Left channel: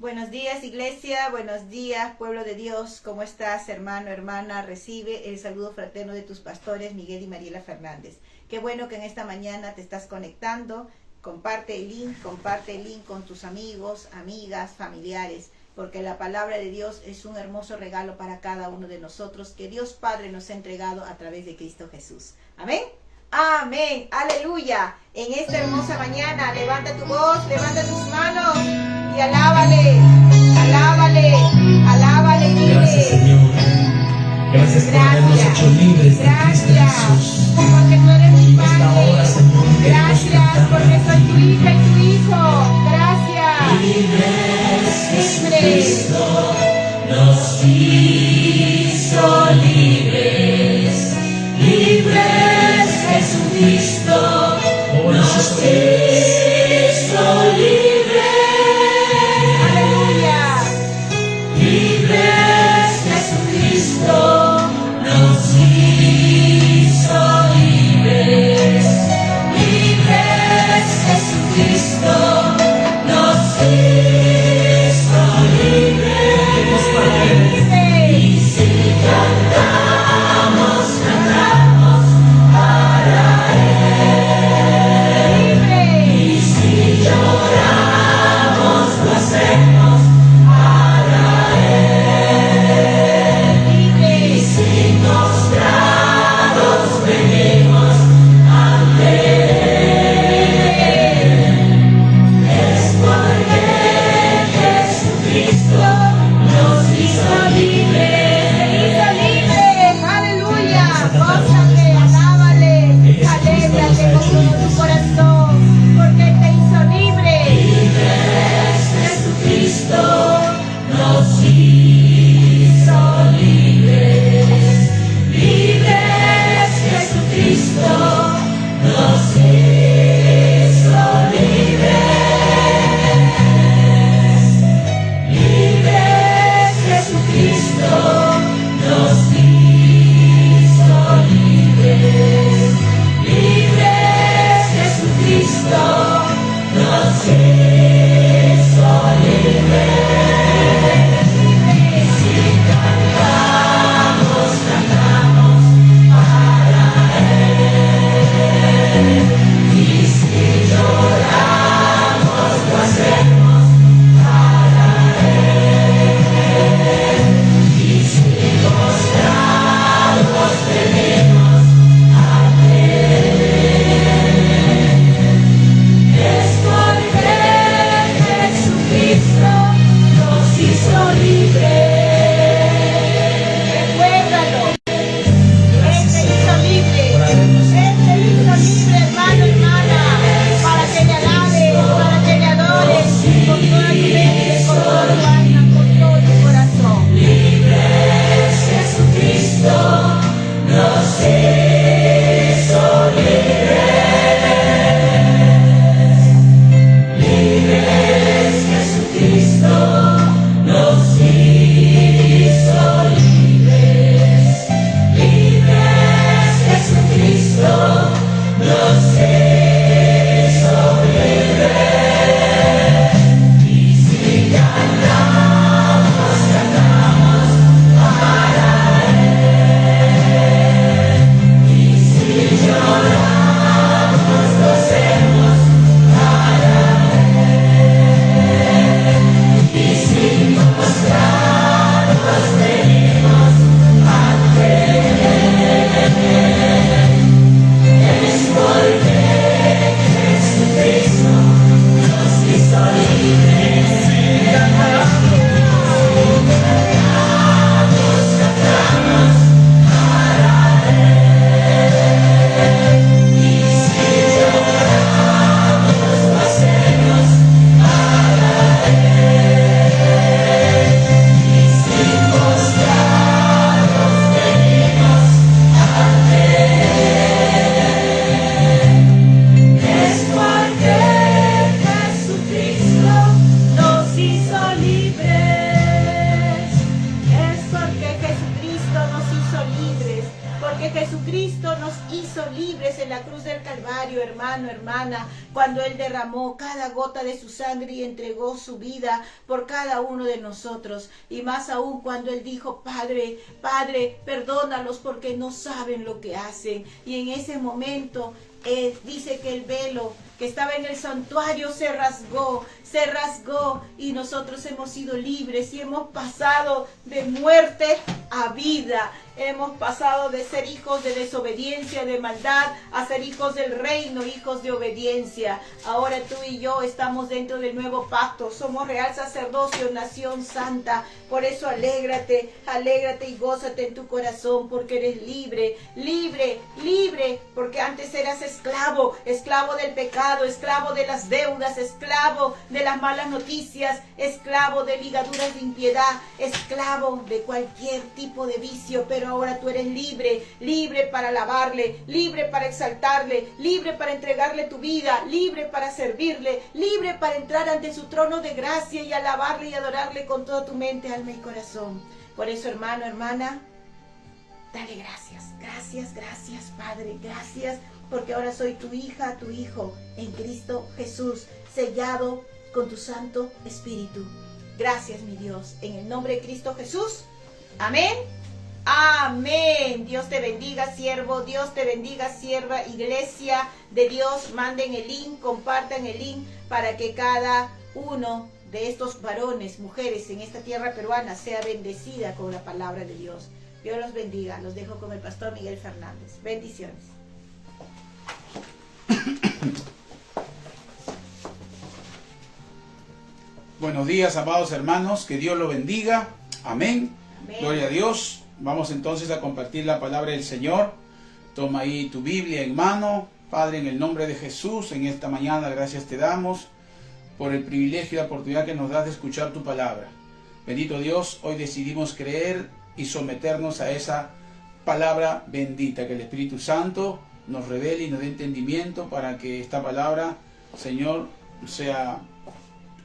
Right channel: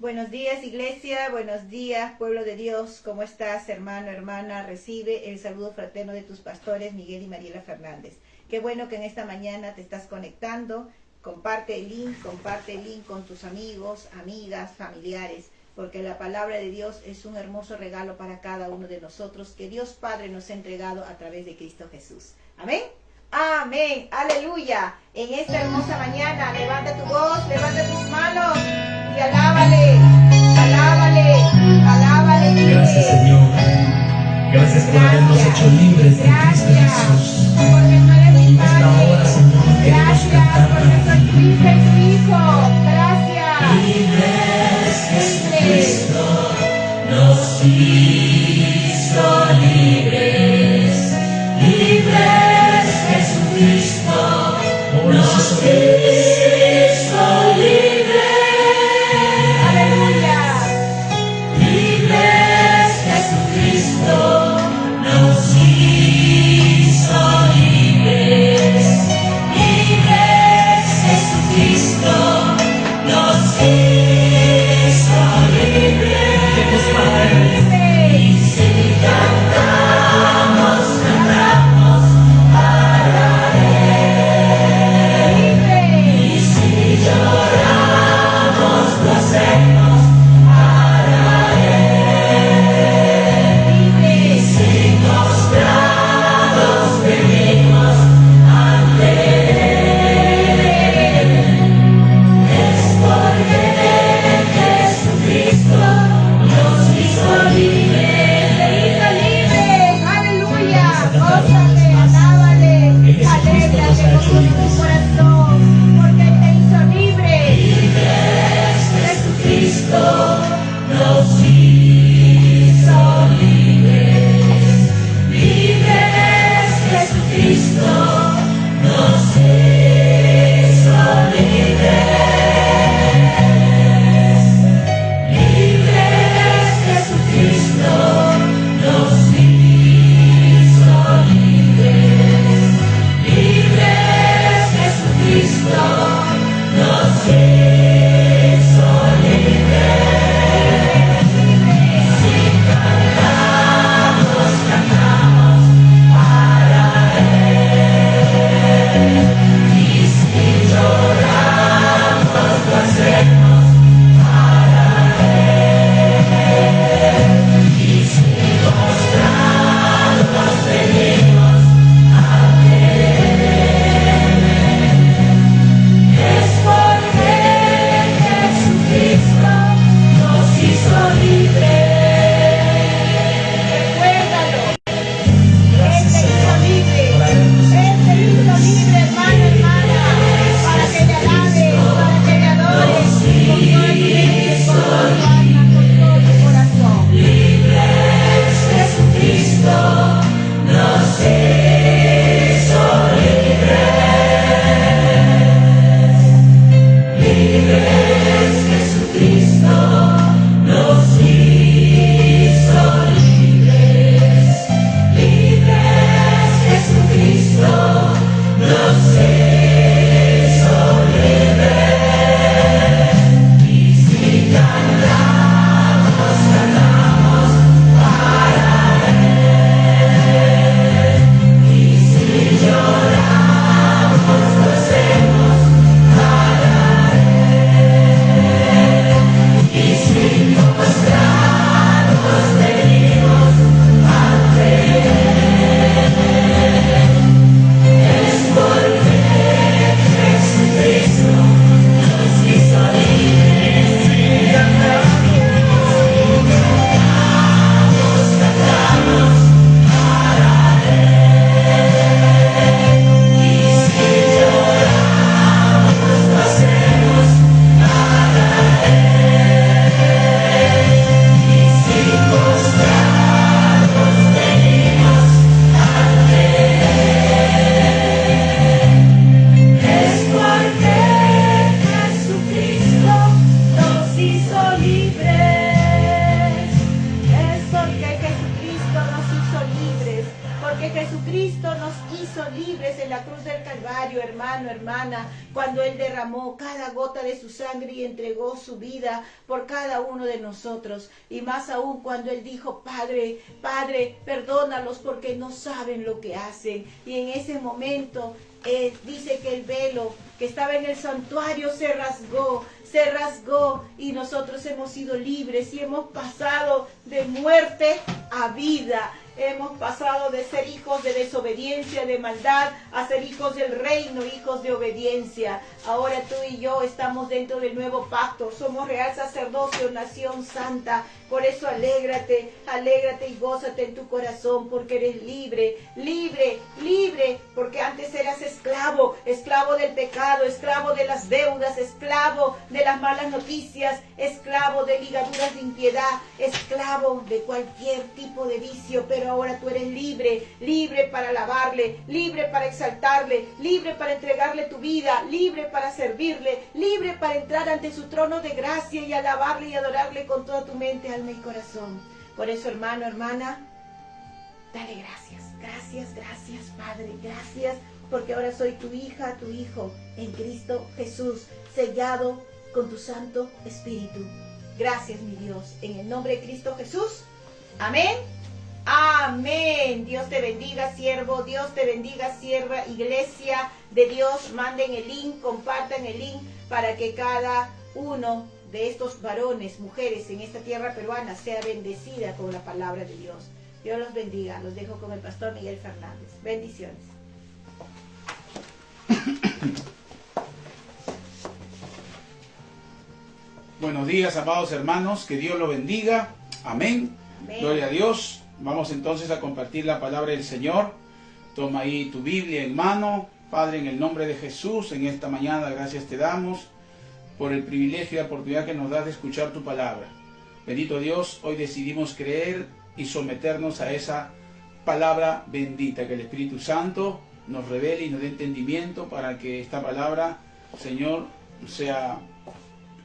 Buenos días, iglesia, buenos días, pueblo de Dios. ¿Cómo estás, hermano, hermana? Recibe el saludo fraterno de tus pastores, Miguel y Mariela Fernández. Qué bueno que en esta mañana te estás conectando. Comparte el link con tus amigos, amigas, familiares, porque la palabra de Dios es un hermoso regalo para cada uno de nosotros que Dios Padre nos ha entregado a través de Cristo Jesús. Amén. Amén, aleluya. En esta hermosa mañana, levanta tu voz, levanta tus manos y alábale, alábale, alábale. Gracias, Señor. Gracias por habernos hecho libres de Cristo Jesús. Porque tú eres mi En esta hora, Señor, queremos gracias porque soy tu hija y tu hijo. Gracias. libres. Jesucristo nos hizo libres. Libres, Jesucristo nos hizo libres. Aleluya. Libres, Jesucristo nos hizo Cristo nos hizo libres en la cruz del Calvario, hermano, hermana, cuando Él derramó cada gota de su sangre y entregó su vida por cada uno de nosotros. Y más aún cuando Él dijo, Padre, Padre, perdónalos porque no saben lo que hacen. Y en ese momento dice que el velo que estaba en el santuario se rasgó y nosotros hemos sido libres y hemos pasado de muerte a vida. Hemos pasado de ser hijos de desobediencia, de maldad, a ser hijos del reino, hijos de obediencia. Ahora tú y yo estamos dentro del nuevo pacto. Somos real sacerdocio, nación santa. Por eso alégrate, alégrate y gózate en tu corazón, porque eres libre, libre, libre. Porque antes eras esclavo, esclavo del pecado, esclavo de las deudas, esclavo de las malas noticias, esclavo de ligaduras de impiedad, esclavo de cualquier tipo de vicio. Pero ahora tú eres libre, libre para alabarle, libre para exaltarle, libre para entregarle tu vida, libre para servirle, libre para entrar ante su trono de gracia y alabarle y adorarle con toda tu mente, alma y corazón. Por eso, hermano, hermana, dale gracias, gracias, gracias, Padre, gracias, porque ahora soy tu hija, tu hijo, en Cristo Jesús, sellado con tu Santo Espíritu. Gracias, mi Dios, en el nombre de Cristo Jesús. Amén. Amén. Dios te bendiga, siervo. Dios te bendiga, sierva. Iglesia de Dios, manden el link, compartan el link para que cada uno de estos varones, mujeres en esta tierra peruana sea bendecida con la palabra de Dios. Dios los bendiga. Los dejo con el pastor Miguel Fernández. Bendiciones. Buenos días, amados hermanos. Que Dios los bendiga. Amén. Amén. Gloria a Dios. Vamos entonces a compartir la palabra del Señor. Toma ahí tu Biblia en mano. Padre, en el nombre de Jesús, en esta mañana gracias te damos por el privilegio y la oportunidad que nos das de escuchar tu palabra. Bendito Dios, hoy decidimos creer y someternos a esa palabra bendita, que el Espíritu Santo nos revele y nos dé entendimiento para que esta palabra, Señor, sea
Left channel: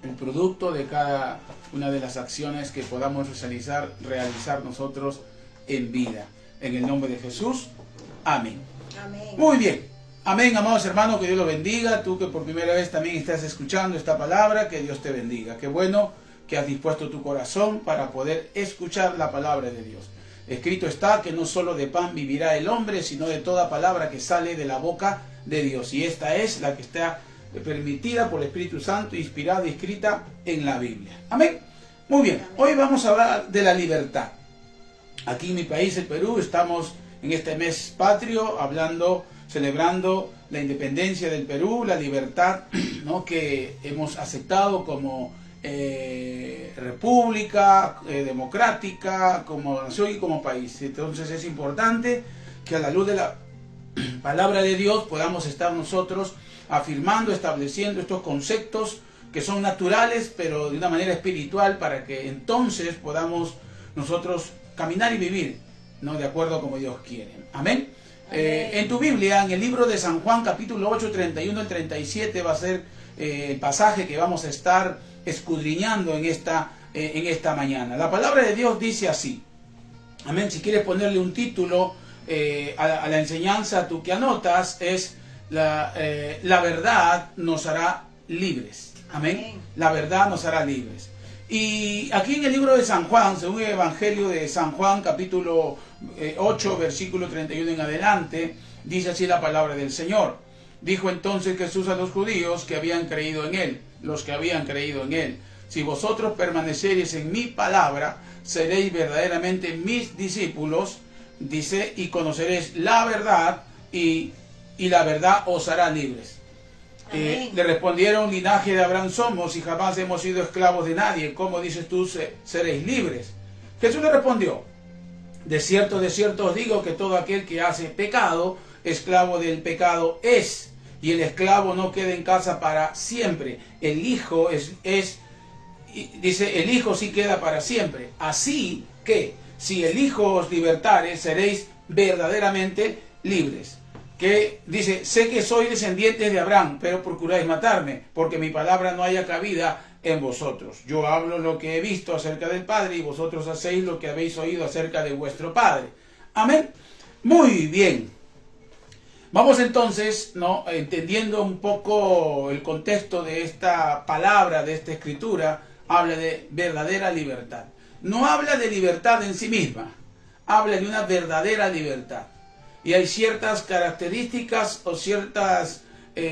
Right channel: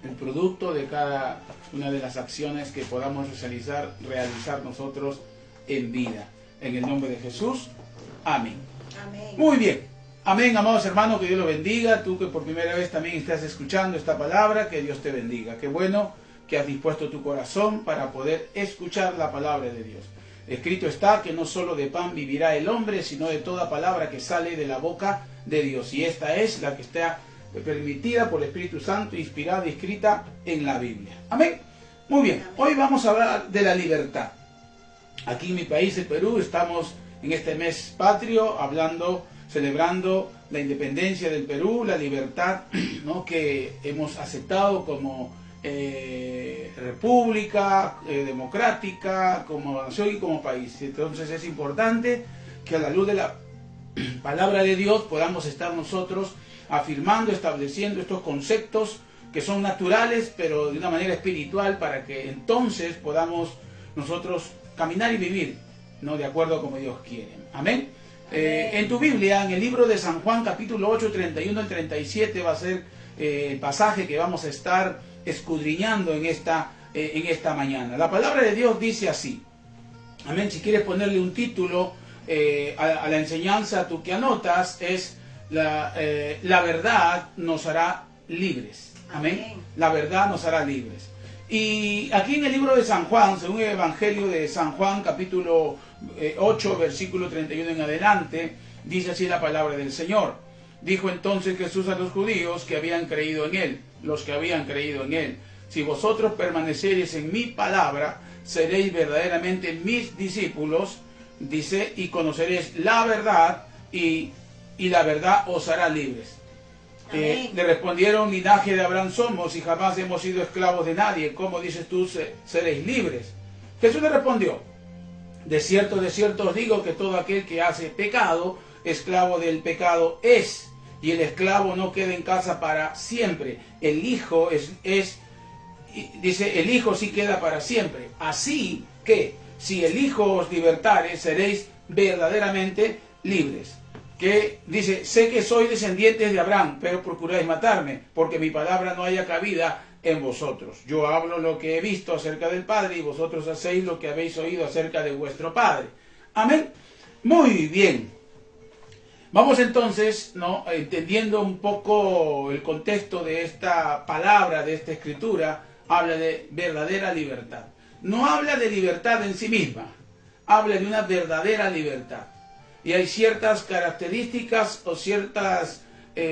el producto de cada una de las acciones que podamos realizar nosotros en vida. En el nombre de Jesús. Amén. Amén. Muy bien. Amén, amados hermanos, que Dios los bendiga. Tú que por primera vez también estás escuchando esta palabra, que Dios te bendiga. Qué bueno que has dispuesto tu corazón para poder escuchar la palabra de Dios. Escrito está que no solo de pan vivirá el hombre, sino de toda palabra que sale de la boca de Dios. Y esta es la que está permitida por el Espíritu Santo, inspirada y escrita en la Biblia. Amén. Muy bien, hoy vamos a hablar de la libertad. Aquí en mi país, el Perú, estamos en este mes patrio celebrando la independencia del Perú, la libertad, ¿no?, que hemos aceptado como república democrática, como nación y como país. Entonces es importante que a la luz de la palabra de Dios podamos estar nosotros afirmando, estableciendo estos conceptos que son naturales, pero de una manera espiritual, para que entonces podamos nosotros caminar y vivir, ¿no?, de acuerdo a como Dios quiere. Amén. En tu Biblia, en el libro de San Juan, capítulo 8, 31 al 37, va a ser el pasaje que vamos a estar escudriñando en esta mañana. La palabra de Dios dice así. Amén. Si quieres ponerle un título a la enseñanza, tú que anotas, es la verdad nos hará libres. Amén. La verdad nos hará libres. Y aquí en el libro de San Juan, según el Evangelio de San Juan, capítulo 8, versículo 31 en adelante, dice así la palabra del Señor. Dijo entonces Jesús a los judíos que habían creído en Él, los que habían creído en Él: si vosotros permaneceréis en mi palabra, seréis verdaderamente mis discípulos, dice, y conoceréis la verdad, y la verdad os hará libres. Le respondieron: linaje de Abraham somos y jamás hemos sido esclavos de nadie. ¿Cómo dices tú seréis libres? Jesús le respondió: de cierto os digo que todo aquel que hace pecado, esclavo del pecado es. Y el esclavo no queda en casa para siempre. El hijo dice, el hijo sí queda para siempre. Así que si el hijo os libertare, seréis verdaderamente libres. Que dice: sé que sois descendientes de Abraham, pero procuráis matarme, porque mi palabra no haya cabida en vosotros. Yo hablo lo que he visto acerca del Padre, y vosotros hacéis lo que habéis oído acerca de vuestro Padre. Amén. Muy bien. Vamos entonces, ¿no?, entendiendo un poco el contexto de esta palabra, de esta escritura, habla de verdadera libertad. No habla de libertad en sí misma, habla de una verdadera libertad. Y hay ciertas características o ciertos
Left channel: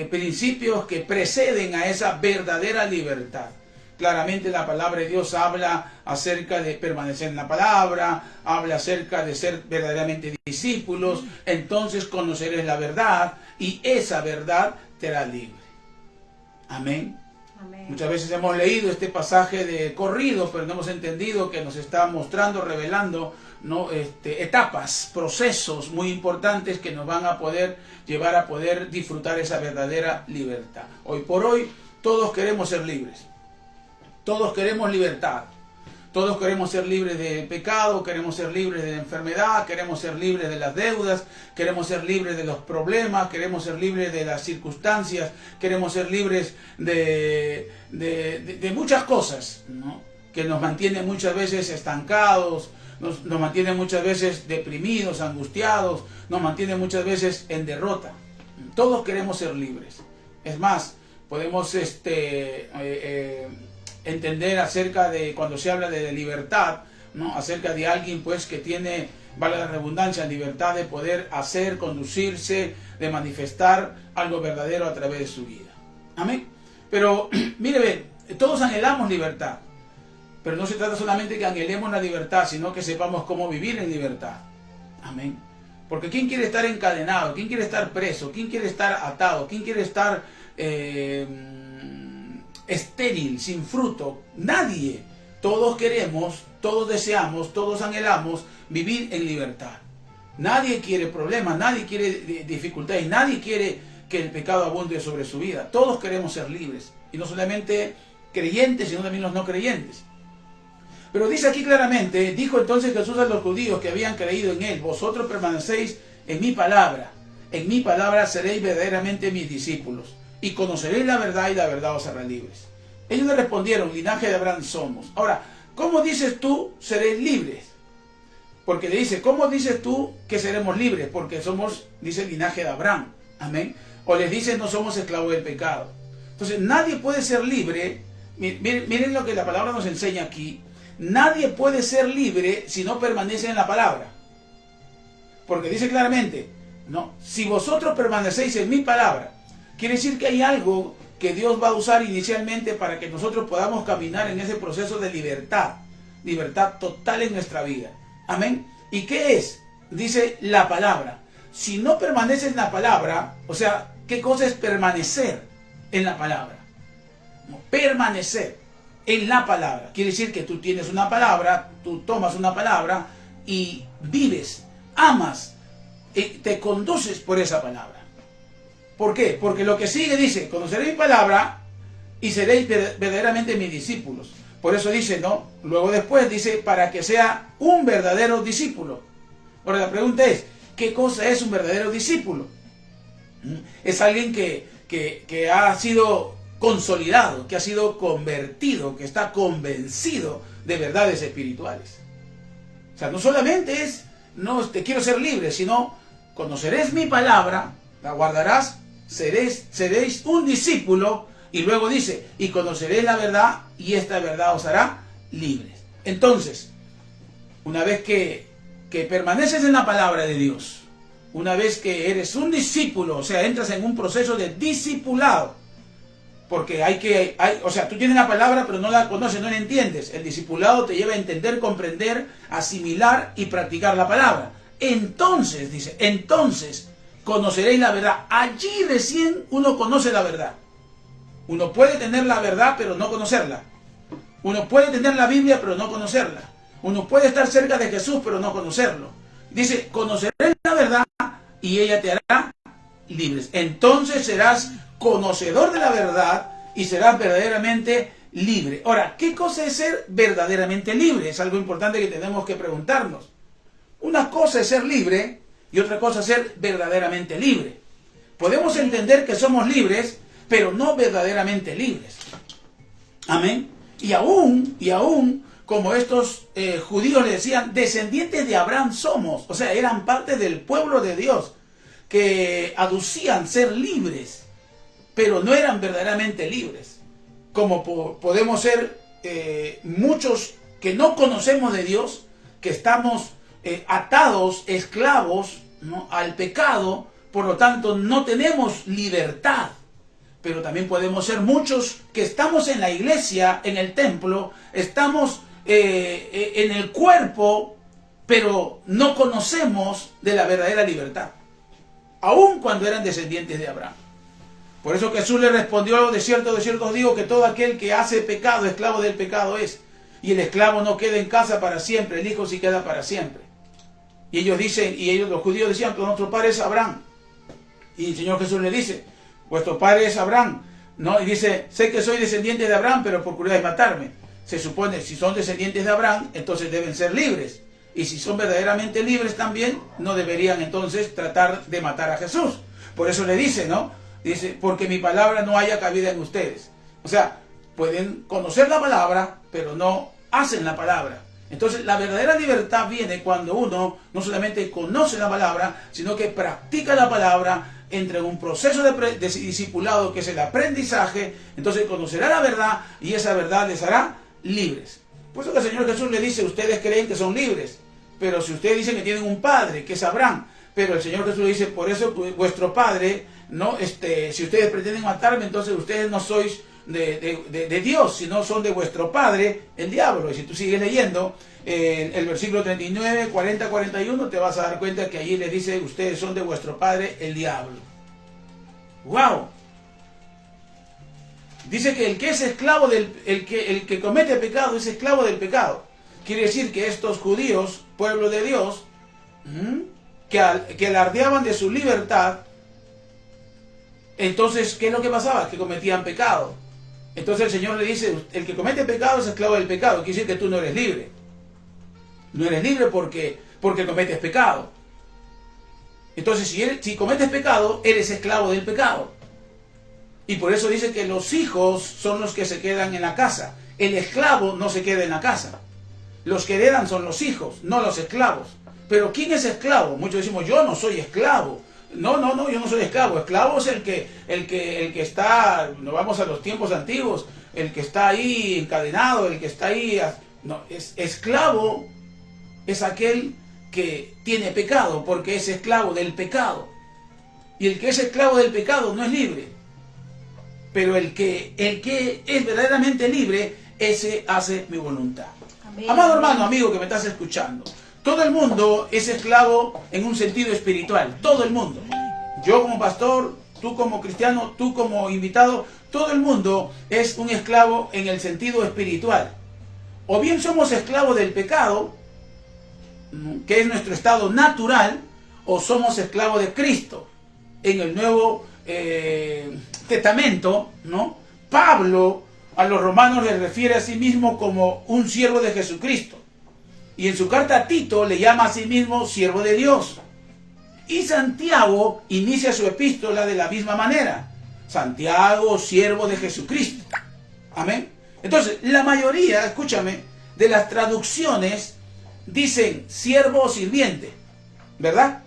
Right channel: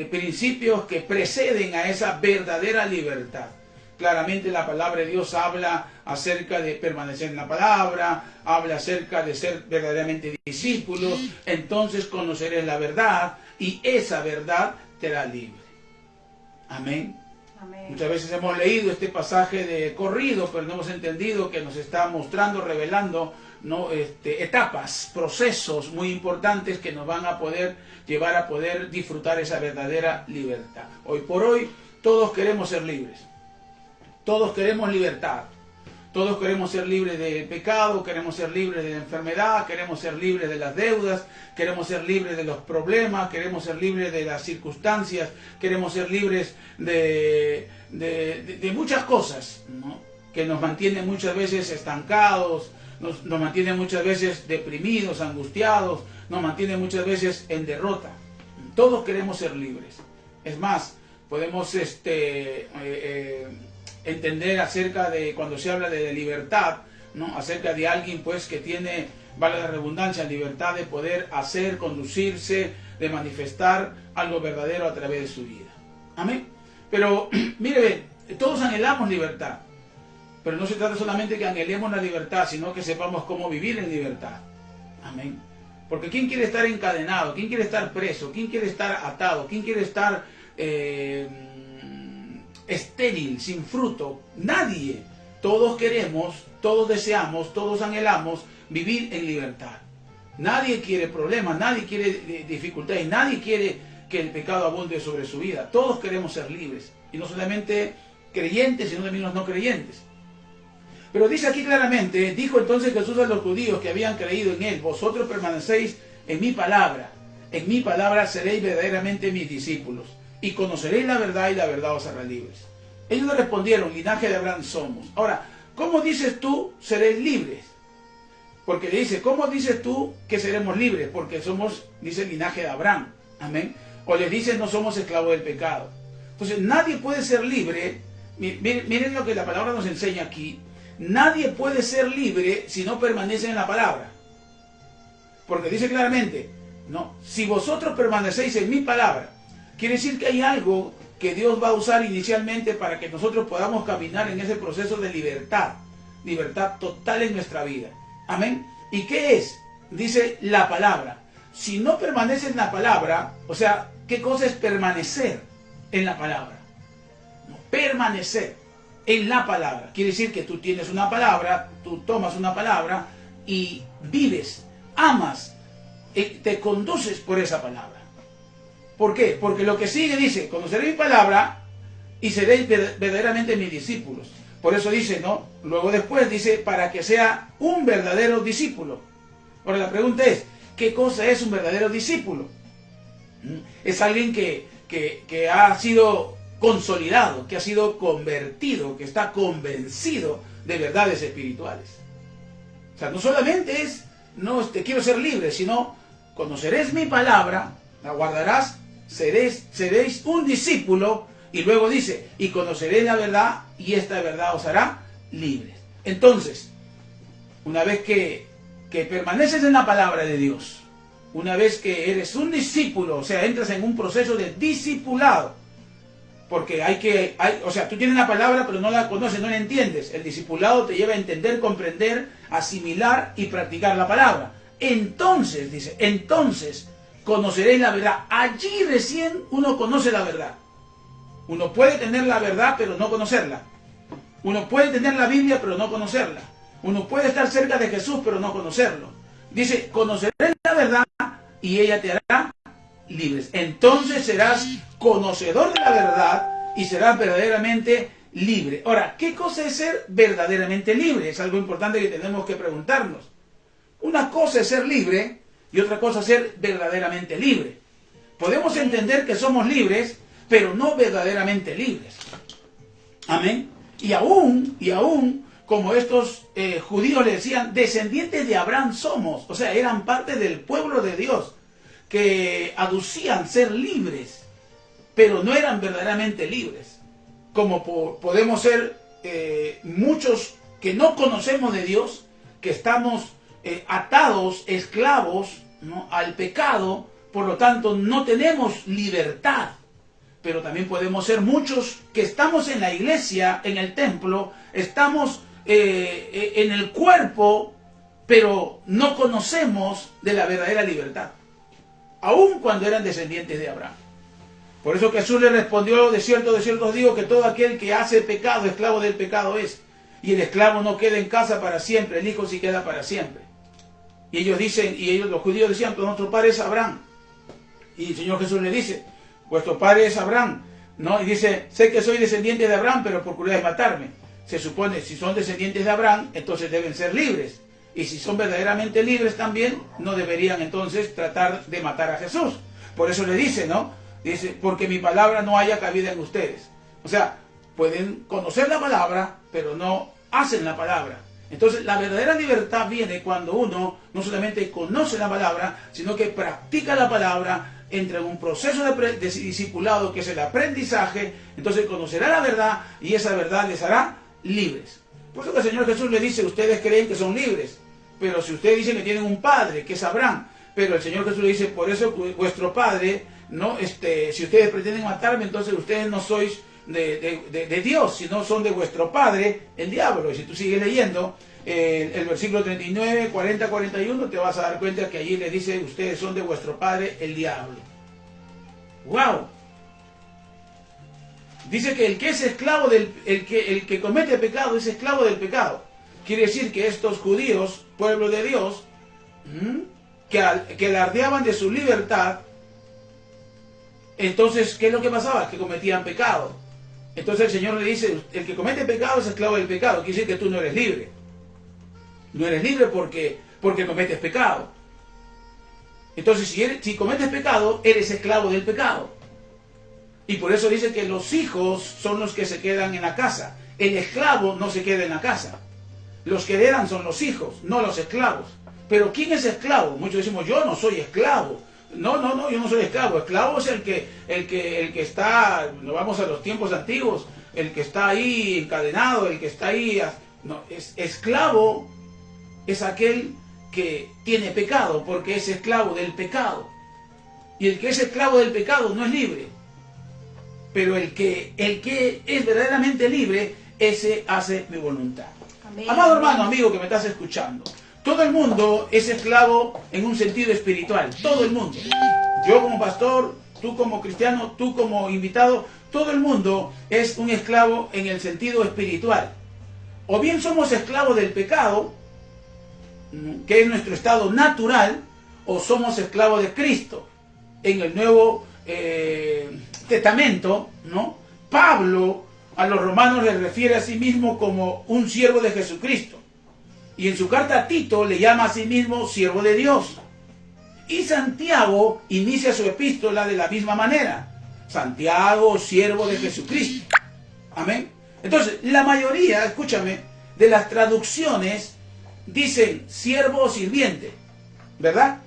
principios que preceden a esa verdadera libertad. Claramente la palabra de Dios habla acerca de permanecer en la palabra, habla acerca de ser verdaderamente discípulos, entonces conocerás la verdad y esa verdad te hará libre. Amén. Amén. Muchas veces hemos leído este pasaje de corrido, pero no hemos entendido que nos está mostrando, revelando, ¿no?, etapas, procesos muy importantes que nos van a poder llevar a poder disfrutar esa verdadera libertad. Hoy por hoy todos queremos ser libres. Todos queremos libertad, todos queremos ser libres de pecado, queremos ser libres de la enfermedad, queremos ser libres de las deudas, queremos ser libres de los problemas, queremos ser libres de las circunstancias, queremos ser libres de muchas cosas, ¿no?, que nos mantienen muchas veces estancados, nos mantienen muchas veces deprimidos, angustiados, nos mantienen muchas veces en derrota. Todos queremos ser libres. Es más, podemos entender acerca de cuando se habla de libertad, ¿no?, acerca de alguien pues que tiene, vale la redundancia, libertad de poder hacer, conducirse, de manifestar algo verdadero a través de su vida. Amén. Pero mire, todos anhelamos libertad, pero no se trata solamente que anhelemos la libertad, sino que sepamos cómo vivir en libertad. Amén. Porque ¿quién quiere estar encadenado? ¿Quién quiere estar preso? ¿Quién quiere estar atado? ¿Quién quiere estar estéril, sin fruto? Nadie. Todos queremos, todos deseamos, todos anhelamos vivir en libertad. Nadie quiere problemas, nadie quiere dificultades, nadie quiere que el pecado abunde sobre su vida. Todos queremos ser libres, y no solamente creyentes, sino también los no creyentes. Pero dice aquí claramente, dijo entonces Jesús a los judíos que habían creído en él: vosotros permanecéis en mi palabra seréis verdaderamente mis discípulos, y conoceréis la verdad, y la verdad os hará libres. Ellos le respondieron: linaje de Abraham somos. Ahora, ¿cómo dices tú seréis libres? Porque le dice, ¿cómo dices tú que seremos libres? Porque somos, dice, el linaje de Abraham. Amén. O les dice, no somos esclavos del pecado. Entonces, nadie puede ser libre. Miren lo que la palabra nos enseña aquí. Nadie puede ser libre si no permanece en la palabra. Porque dice claramente, no, si vosotros permanecéis en mi palabra, quiere decir que hay algo que Dios va a usar inicialmente para que nosotros podamos caminar en ese proceso de libertad, libertad total en nuestra vida. Amén. ¿Y qué es? Dice la palabra. Si no permaneces en la palabra, o sea, ¿qué cosa es permanecer en la palabra? No, permanecer en la palabra. Quiere decir que tú tienes una palabra, tú tomas una palabra y vives, amas, te conduces por esa palabra. ¿Por qué? Porque lo que sigue dice, conoceréis mi palabra y seréis verdaderamente mis discípulos. Por eso dice, ¿no? Luego después dice, para que sea un verdadero discípulo. Ahora la pregunta es, ¿qué cosa es un verdadero discípulo? Es alguien que ha sido consolidado, que ha sido convertido, que está convencido de verdades espirituales. O sea, no solamente es, no te quiero ser libre, sino conoceréis mi palabra, la guardarás, seréis un discípulo, y luego dice, y conoceréis la verdad, y esta verdad os hará libres. Entonces, una vez que permaneces en la palabra de Dios, una vez que eres un discípulo, o sea, entras en un proceso de discipulado, porque o sea, tú tienes la palabra pero no la conoces, no la entiendes. El discipulado te lleva a entender, comprender, asimilar y practicar la palabra. Entonces, dice, entonces conoceréis la verdad. Allí recién uno conoce la verdad. Uno puede tener la verdad pero no conocerla. Uno puede tener la Biblia pero no conocerla. Uno puede estar cerca de Jesús pero no conocerlo. Dice, conoceréis la verdad y ella te hará libres. Entonces serás conocedor de la verdad y serás verdaderamente libre. Ahora, ¿qué cosa es ser verdaderamente libre? Es algo importante que tenemos que preguntarnos. Una cosa es ser libre y otra cosa es ser verdaderamente libre. Podemos entender que somos libres, pero no verdaderamente libres. Amén. Y aún, como estos judíos le decían, descendientes de Abraham somos. O sea, eran parte del pueblo de Dios. que aducían ser libres, pero no eran verdaderamente libres. Como podemos ser muchos que no conocemos de Dios, que estamos atados, esclavos, ¿no?, al pecado, por lo tanto no tenemos libertad. Pero también podemos ser muchos que estamos en la iglesia, en el templo, estamos en el cuerpo, pero no conocemos de la verdadera libertad, aun cuando eran descendientes de Abraham. Por eso Jesús le respondió: de cierto os digo que todo aquel que hace pecado, esclavo del pecado es. Y el esclavo no queda en casa para siempre, el hijo sí queda para siempre. Y ellos dicen, los judíos decían: pues nuestro padre es Abraham. Y el Señor Jesús le dice: vuestro padre es Abraham, ¿no? Y dice: sé que soy descendiente de Abraham, pero procuráis matarme. Se supone, si son descendientes de Abraham, entonces deben ser libres. Y si son verdaderamente libres también, no deberían entonces tratar de matar a Jesús. Por eso le dice, ¿no? Dice: porque mi palabra no haya cabida en ustedes. O sea, pueden conocer la palabra, pero no hacen la palabra. Entonces, la verdadera libertad viene cuando uno no solamente conoce la palabra, sino que practica la palabra, entra en un proceso de discipulado que es el aprendizaje. Entonces conocerá la verdad y esa verdad les hará libres. Por eso que el Señor Jesús le dice: ustedes creen que son libres, pero si ustedes dicen que tienen un padre, que es Abraham, pero el Señor Jesús le dice: por eso vuestro padre, no, si ustedes pretenden matarme, entonces ustedes no sois de Dios, sino son de vuestro padre, el diablo. Y si tú sigues leyendo el versículo 39, 40, 41, te vas a dar cuenta que allí le dice: ustedes son de vuestro padre, el diablo. ¡Wow! Dice que el que es esclavo el que comete pecado es esclavo del pecado. Quiere decir que estos judíos, pueblo de Dios, que alardeaban de su libertad, entonces, ¿qué es lo que pasaba? Que cometían pecado. Entonces el Señor le dice: el que comete pecado es esclavo del pecado. Quiere decir que tú no eres libre. No eres libre porque cometes pecado. Entonces, si cometes pecado, eres esclavo del pecado. Y por eso dice que los hijos son los que se quedan en la casa. El esclavo no se queda en la casa. Los que heredan son los hijos, no los esclavos. Pero ¿quién es esclavo? Muchos decimos: yo no soy esclavo. No, yo no soy esclavo. Esclavo es el que está, nos vamos a los tiempos antiguos, el que está ahí encadenado, el que está ahí. No, esclavo es aquel que tiene pecado, porque es esclavo del pecado. Y el que es esclavo del pecado no es libre. Pero el que es verdaderamente libre, ese hace mi voluntad. Amén. Amado hermano, amigo que me estás escuchando, todo el mundo es esclavo en un sentido espiritual. Todo el mundo. Yo como pastor, tú como cristiano, tú como invitado, todo el mundo es un esclavo en el sentido espiritual. O bien somos esclavos del pecado, que es nuestro estado natural, o somos esclavos de Cristo. En el Nuevo Testamento, ¿no?, Pablo a los romanos le refiere a sí mismo como un siervo de Jesucristo. Y en su carta a Tito le llama a sí mismo siervo de Dios. Y Santiago inicia su epístola de la misma manera. Santiago, siervo de Jesucristo. Amén. Entonces, la mayoría, escúchame, de las traducciones dicen siervo o sirviente, ¿verdad?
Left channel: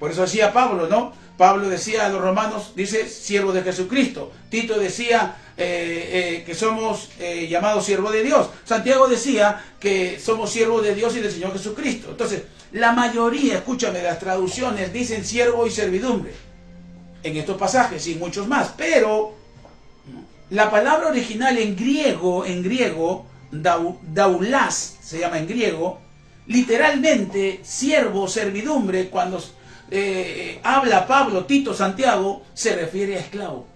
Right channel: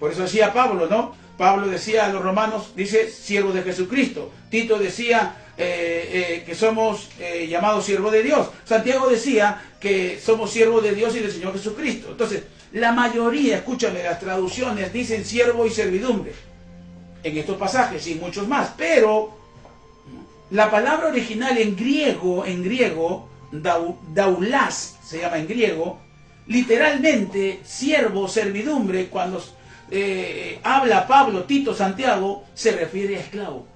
Por eso decía Pablo, ¿no? Pablo decía a los romanos, dice siervo de Jesucristo. Tito decía que somos llamados siervos de Dios. Santiago decía que somos siervos de Dios y del Señor Jesucristo. Entonces, la mayoría, escúchame, de las traducciones dicen siervo y servidumbre en estos pasajes y muchos más. Pero la palabra original en griego, daulas, se llama en griego, literalmente siervo, servidumbre, cuando habla Pablo, Tito, Santiago, se refiere a esclavo.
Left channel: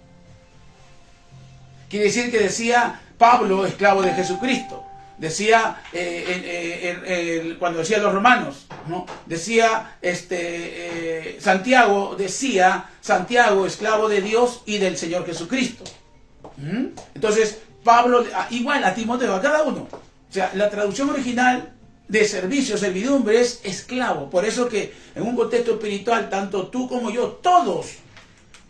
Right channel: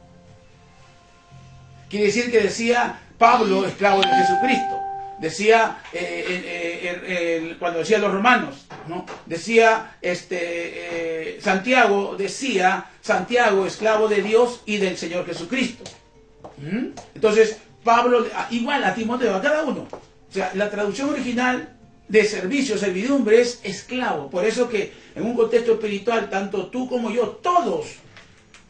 Quiere decir que decía Pablo, esclavo de Jesucristo. Decía, cuando decía los romanos, ¿no?, decía Santiago, esclavo de Dios y del Señor Jesucristo. Entonces, Pablo, igual a Timoteo, a cada uno. O sea, la traducción original de servicio, servidumbre, es esclavo. Por eso que en un contexto espiritual, tanto tú como yo, todos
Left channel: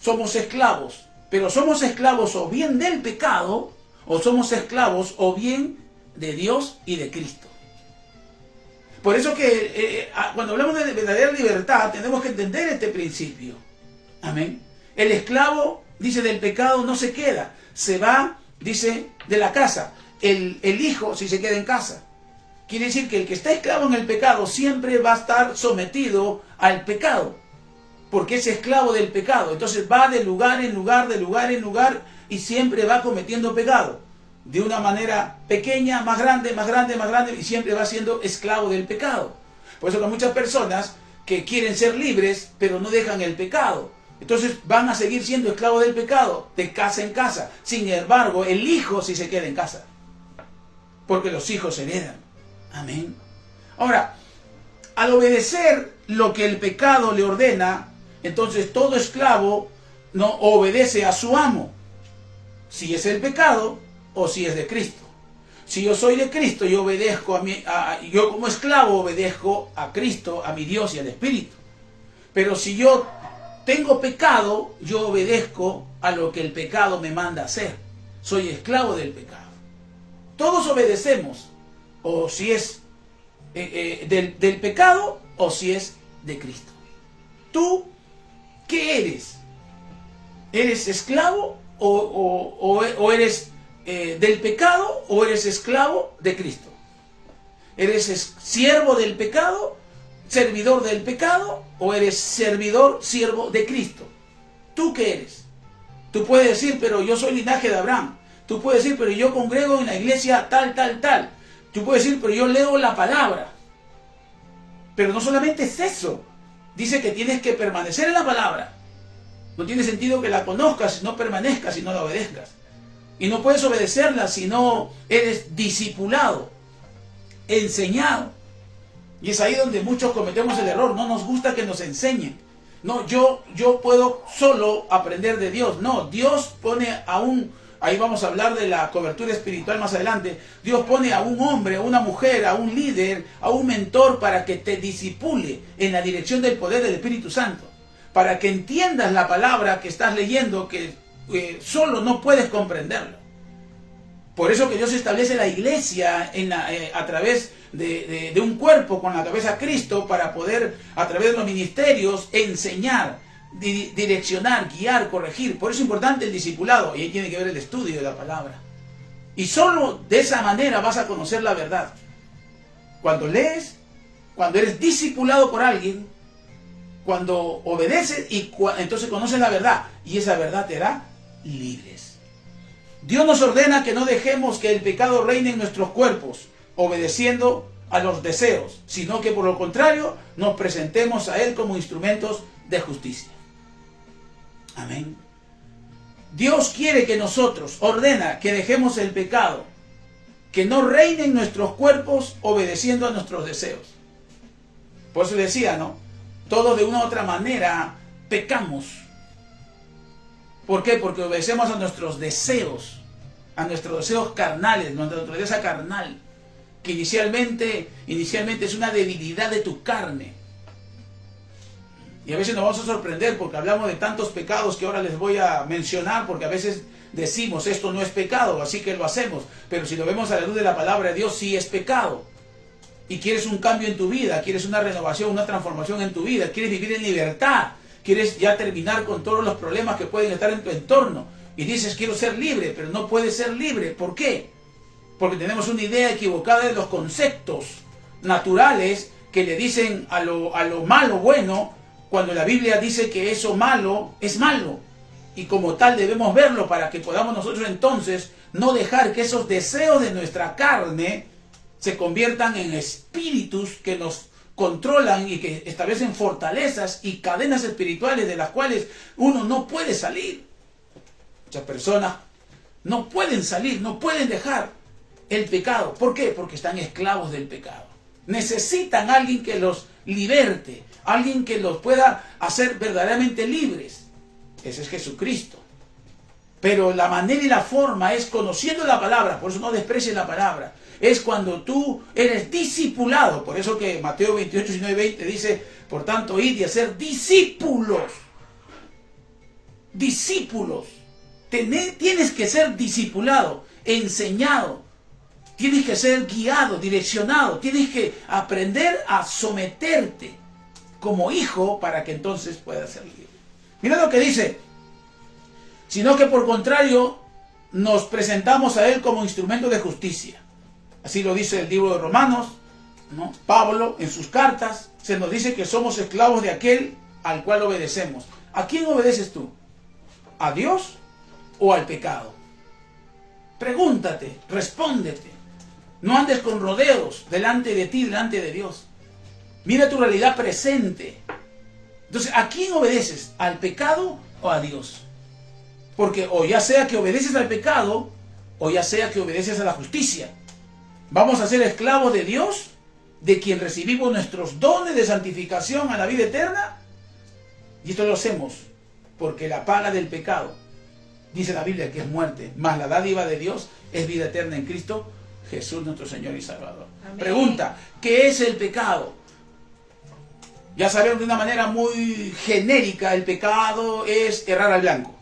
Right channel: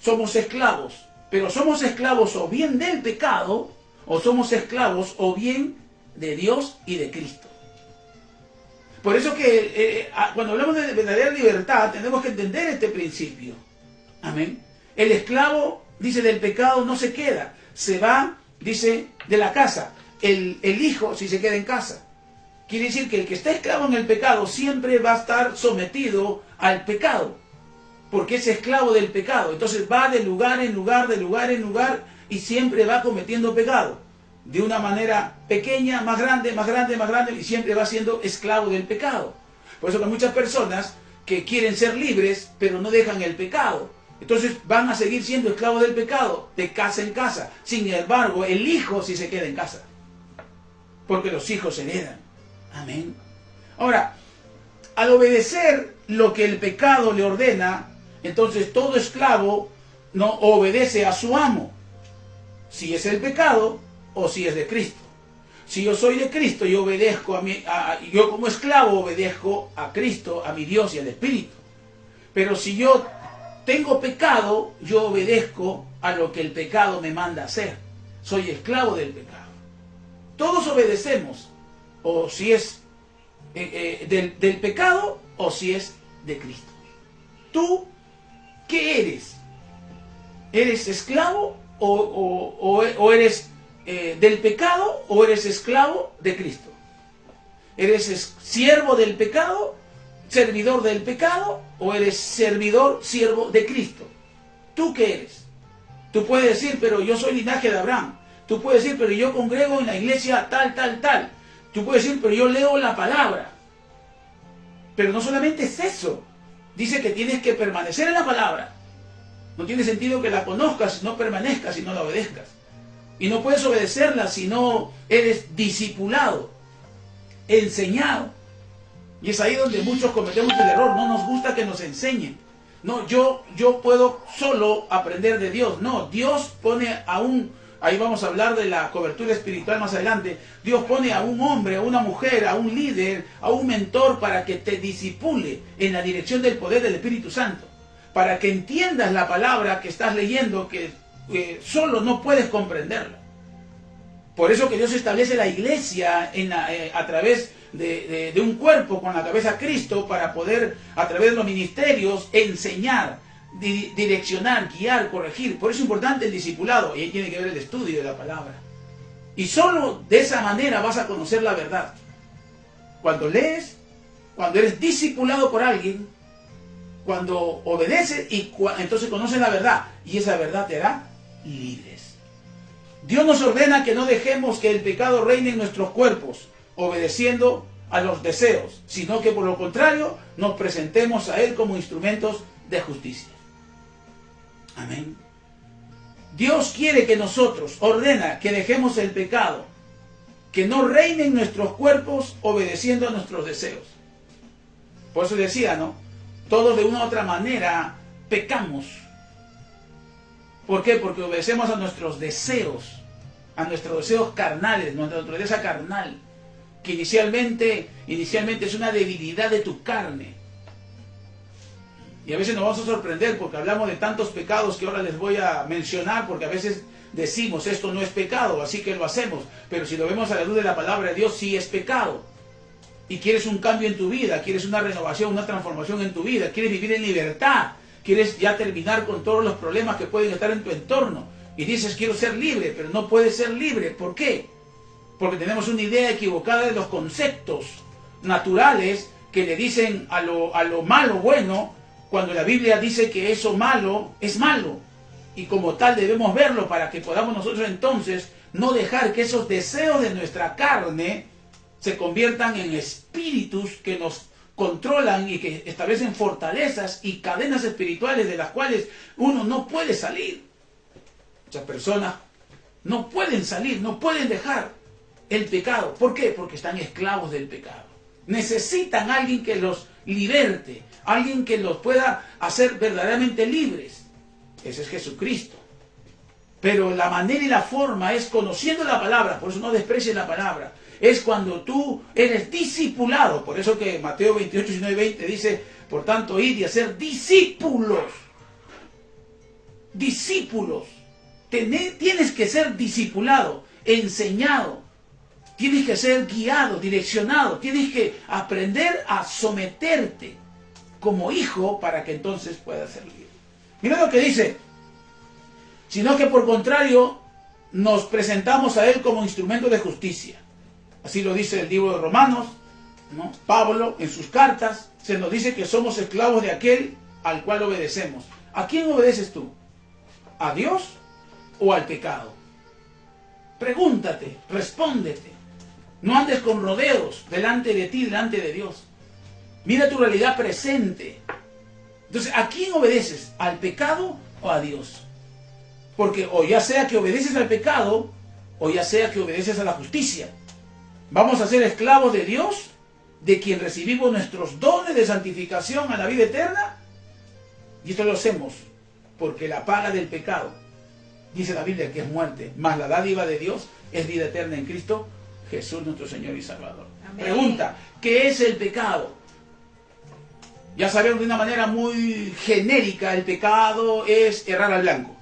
somos esclavos. Pero somos esclavos o bien del pecado, o somos esclavos o bien de Dios y de Cristo. Por eso que cuando hablamos de verdadera libertad, tenemos que entender este principio. Amén. El esclavo, dice, del pecado no se queda, se va, dice, de la casa. El hijo, si se queda en casa. Quiere decir que el que está esclavo en el pecado siempre va a estar sometido al pecado, porque es esclavo del pecado. Entonces va de lugar en lugar, de lugar en lugar, y siempre va cometiendo pecado. De una manera pequeña, más grande, más grande, más grande, y siempre va siendo esclavo del pecado. Por eso que hay muchas personas que quieren ser libres, pero no dejan el pecado. Entonces van a seguir siendo esclavos del pecado, de casa en casa. Sin embargo, el hijo sí se queda en casa, porque los hijos heredan. Amén. Ahora, al obedecer lo que el pecado le ordena, entonces todo esclavo no obedece a su amo, si es el pecado o si es de Cristo. Si yo soy de Cristo, yo obedezco yo como esclavo obedezco a Cristo, a mi Dios y al Espíritu. Pero si yo tengo pecado, yo obedezco a lo que el pecado me manda hacer. Soy esclavo del pecado. Todos obedecemos, o si es del pecado o si es de Cristo. ¿Tú qué eres? ¿Eres esclavo o eres del pecado o eres esclavo de Cristo? ¿Eres siervo del pecado, servidor del pecado, o eres siervo de Cristo? ¿Tú qué eres? Tú puedes decir, pero yo soy linaje de Abraham. Tú puedes decir, pero yo congrego en la iglesia tal, tal, tal. Tú puedes decir, pero yo leo la palabra. Pero no solamente es eso. Dice que tienes que permanecer en la palabra. No tiene sentido que la conozcas si no permanezcas, si no la obedezcas. Y no puedes obedecerla si no eres discipulado, enseñado. Y es ahí donde muchos cometemos el error. No nos gusta que nos enseñen. No, yo puedo solo aprender de Dios. No, Dios pone ahí vamos a hablar de la cobertura espiritual más adelante. Dios pone a un hombre, a una mujer, a un líder, a un mentor para que te disipule en la dirección del poder del Espíritu Santo. Para que entiendas la palabra que estás leyendo, que solo no puedes comprenderla. Por eso que Dios establece la iglesia a través de un cuerpo con la cabeza Cristo, para poder a través de los ministerios enseñar, direccionar, guiar, corregir. Por eso es importante el discipulado, y ahí tiene que ver el estudio de la palabra. Y solo de esa manera vas a conocer la verdad. Cuando lees, cuando eres discipulado por alguien, cuando obedeces, entonces conoces la verdad, y esa verdad te hará libres. Dios nos ordena que no dejemos que el pecado reine en nuestros cuerpos, obedeciendo a los deseos, sino que por lo contrario nos presentemos a Él como instrumentos de justicia. Amén. Dios quiere que nosotros, ordena que dejemos el pecado, que no reine en nuestros cuerpos, obedeciendo a nuestros deseos. Por eso decía, ¿no? Todos de una u otra manera pecamos. ¿Por qué? Porque obedecemos a nuestros deseos carnales, nuestra naturaleza carnal, que inicialmente es una debilidad de tu carne. Y a veces nos vamos a sorprender porque hablamos de tantos pecados que ahora les voy a mencionar, porque a veces decimos esto no es pecado, así que lo hacemos. Pero si lo vemos a la luz de la palabra de Dios, sí es pecado. Y quieres un cambio en tu vida, quieres una renovación, una transformación en tu vida, quieres vivir en libertad, quieres ya terminar con todos los problemas que pueden estar en tu entorno. Y dices, quiero ser libre, pero no puedes ser libre. ¿Por qué? Porque tenemos una idea equivocada de los conceptos naturales que le dicen a lo malo bueno, cuando la Biblia dice que eso malo es malo. Y como tal debemos verlo para que podamos nosotros entonces no dejar que esos deseos de nuestra carne se conviertan en espíritus que nos controlan y que establecen fortalezas y cadenas espirituales de las cuales uno no puede salir. Muchas personas no pueden salir, no pueden dejar el pecado. ¿Por qué? Porque están esclavos del pecado. Necesitan a alguien que los liberte, alguien que los pueda hacer verdaderamente libres. Ese es Jesucristo. Pero la manera y la forma es conociendo la palabra, por eso no desprecies la palabra. Es cuando tú eres discipulado. Por eso que Mateo 28, 19, 20 dice, por tanto, id y hacer discípulos. Discípulos. Tienes que ser discipulado, enseñado. Tienes que ser guiado, direccionado. Tienes que aprender a someterte como hijo para que entonces puedas ser libre. Mira lo que dice. Sino que por contrario nos presentamos a Él como instrumento de justicia. Así lo dice el libro de Romanos, ¿no? Pablo en sus cartas se nos dice que somos esclavos de aquel al cual obedecemos. ¿A quién obedeces tú? ¿A Dios o al pecado? Pregúntate, respóndete. No andes con rodeos delante de ti, delante de Dios. Mira tu realidad presente. Entonces, ¿a quién obedeces? ¿Al pecado o a Dios? Porque o ya sea que obedeces al pecado, o ya sea que obedeces a la justicia. Vamos a ser esclavos de Dios, de quien recibimos nuestros dones de santificación a la vida eterna. Y esto lo hacemos porque la paga del pecado, dice la Biblia, que es muerte, mas la dádiva de Dios es vida eterna en Cristo Jesús, nuestro Señor y Salvador. Amén. Pregunta, ¿qué es el pecado? Ya sabemos de una manera muy genérica, el pecado es errar al blanco.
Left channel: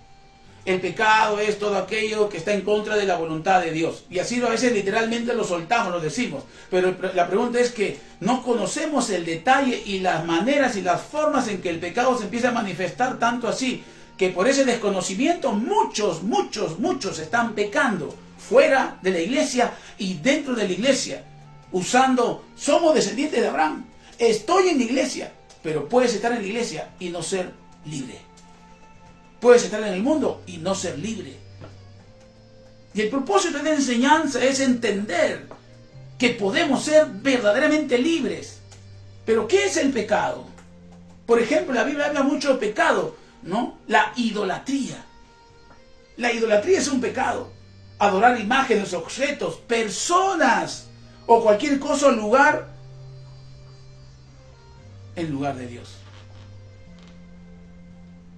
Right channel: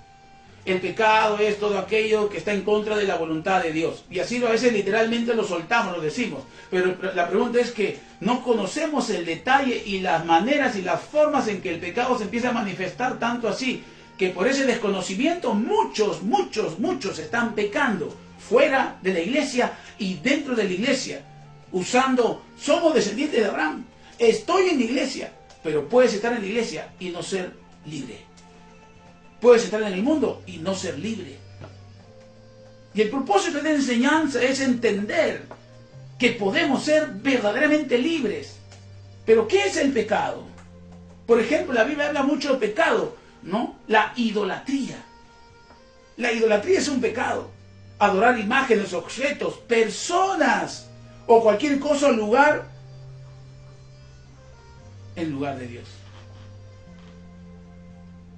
El pecado es todo aquello que está en contra de la voluntad de Dios. Y así a veces literalmente lo soltamos, lo decimos. Pero la pregunta es que no conocemos el detalle y las maneras y las formas en que el pecado se empieza a manifestar tanto así, que por ese desconocimiento muchos están pecando fuera de la iglesia y dentro de la iglesia, usando, somos descendientes de Abraham, estoy en la iglesia, pero puedes estar en la iglesia y no ser libre. Puedes estar en el mundo y no ser libre. Y el propósito de la enseñanza es entender que podemos ser verdaderamente libres. Pero ¿qué es el pecado? Por ejemplo, la Biblia habla mucho de pecado, ¿no? La idolatría. La idolatría es un pecado. Adorar imágenes, objetos, personas o cualquier cosa o lugar en lugar de Dios.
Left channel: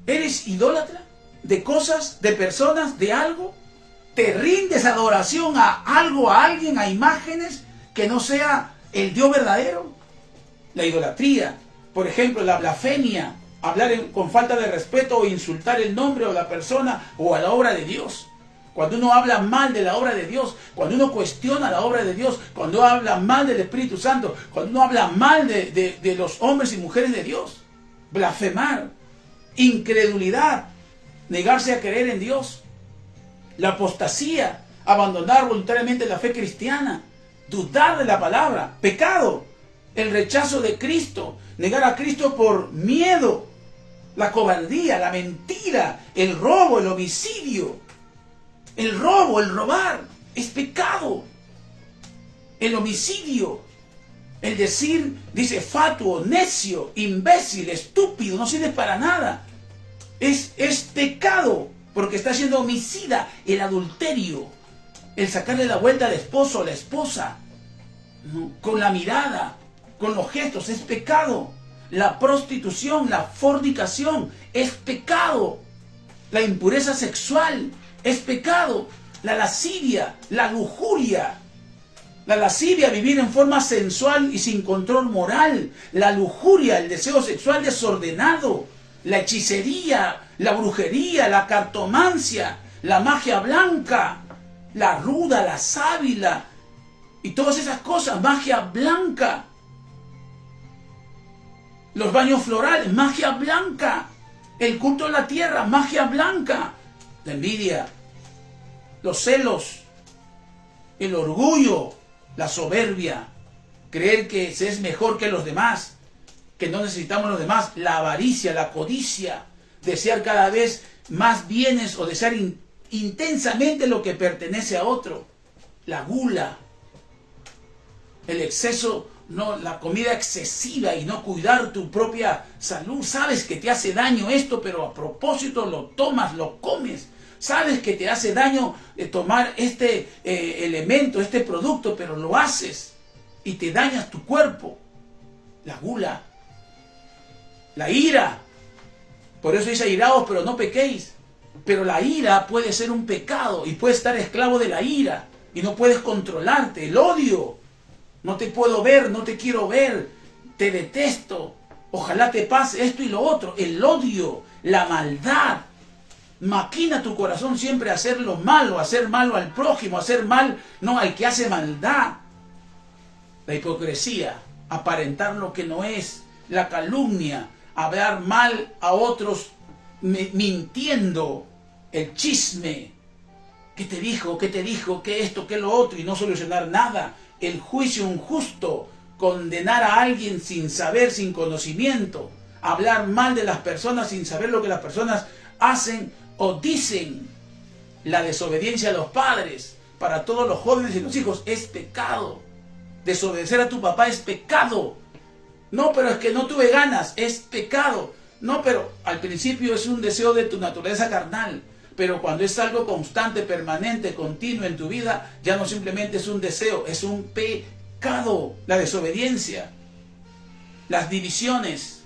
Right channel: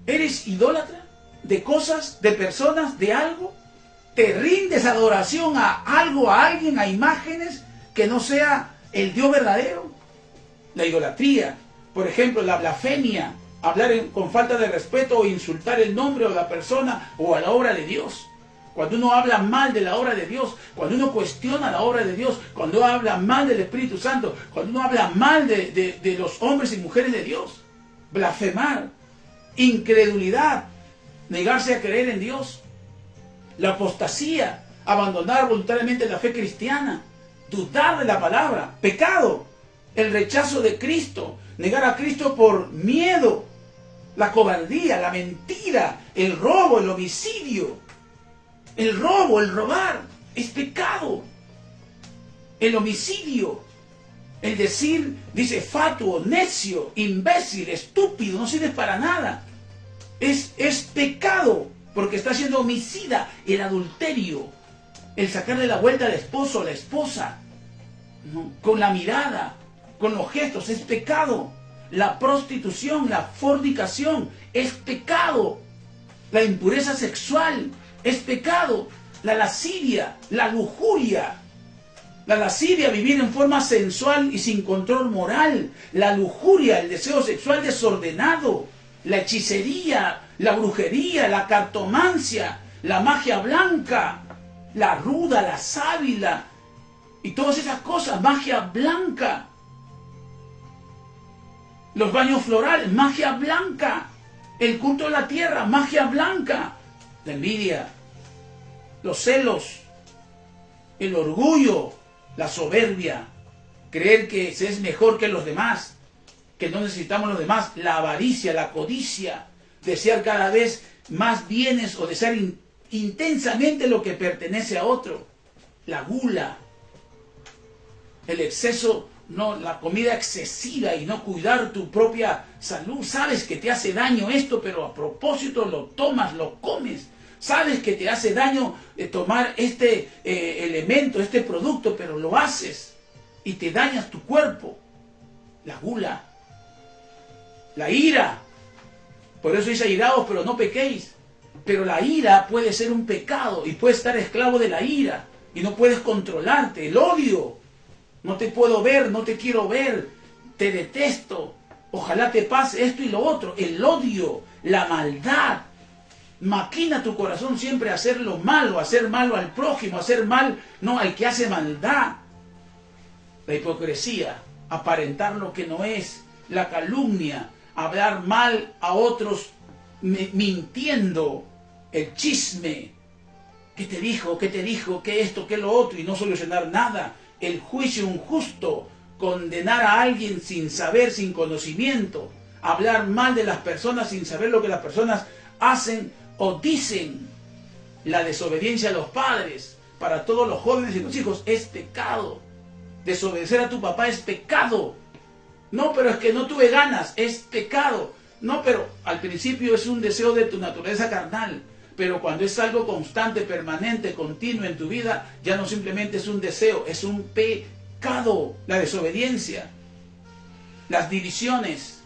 ¿Eres idólatra de cosas, de personas, de algo? ¿Te rindes adoración a algo, a alguien, a imágenes que no sea el Dios verdadero? La idolatría, por ejemplo, la blasfemia, hablar con falta de respeto o insultar el nombre o la persona o a la obra de Dios. Cuando uno habla mal de la obra de Dios, cuando uno cuestiona la obra de Dios, cuando uno habla mal del Espíritu Santo, cuando uno habla mal de los hombres y mujeres de Dios. Blasfemar. Incredulidad, negarse a creer en Dios, la apostasía, abandonar voluntariamente la fe cristiana, dudar de la palabra, pecado, el rechazo de Cristo, negar a Cristo por miedo, la cobardía, la mentira, el robo, el homicidio, el robo, el robar, es pecado, el homicidio, el decir, dice, fatuo, necio, imbécil, estúpido, no sirve para nada. Es pecado, porque está siendo homicida. El adulterio, el sacarle la vuelta al esposo o la esposa, ¿no? Con la mirada, con los gestos, es pecado. La prostitución, la fornicación, es pecado. La impureza sexual, es pecado. La lascivia, la lujuria. La lascivia, vivir en forma sensual y sin control moral. La lujuria, el deseo sexual desordenado. La hechicería, la brujería, la cartomancia, la magia blanca, la ruda, la sábila y todas esas cosas, magia blanca. Los baños florales, magia blanca. El culto de la tierra, magia blanca. La envidia, los celos, el orgullo, la soberbia, creer que se es mejor que los demás, que no necesitamos los demás, la avaricia, la codicia, desear cada vez más bienes o desear intensamente lo que pertenece a otro, la gula, el exceso, no, la comida excesiva y no cuidar tu propia salud. Sabes que te hace daño esto, pero a propósito lo tomas, lo comes. Sabes que te hace daño tomar este elemento, este producto, pero lo haces y te dañas tu cuerpo. La gula, la ira. Por eso dice airaos, pero no pequéis. Pero la ira puede ser un pecado y puedes estar esclavo de la ira y no puedes controlarte. El odio, no te puedo ver, no te quiero ver, te detesto, ojalá te pase esto y lo otro. El odio, la maldad, maquina tu corazón siempre a hacer lo malo, a hacer malo al prójimo, a hacer mal, no, al que hace maldad. La hipocresía, aparentar lo que no es, la calumnia, hablar mal a otros mintiendo, el chisme, ¿qué te dijo? ¿Qué esto? ¿Qué lo otro? Y no solucionar nada. El juicio injusto, condenar a alguien sin saber, sin conocimiento, hablar mal de las personas sin saber lo que las personas hacen o dicen. La desobediencia a los padres, para todos los jóvenes y los hijos, es pecado. Desobedecer a tu papá es pecado. No, pero es que no tuve ganas, es pecado. No, pero al principio es un deseo de tu naturaleza carnal. Pero cuando es algo constante, permanente, continuo en tu vida, ya no simplemente es un deseo, es un pecado. La desobediencia, las divisiones,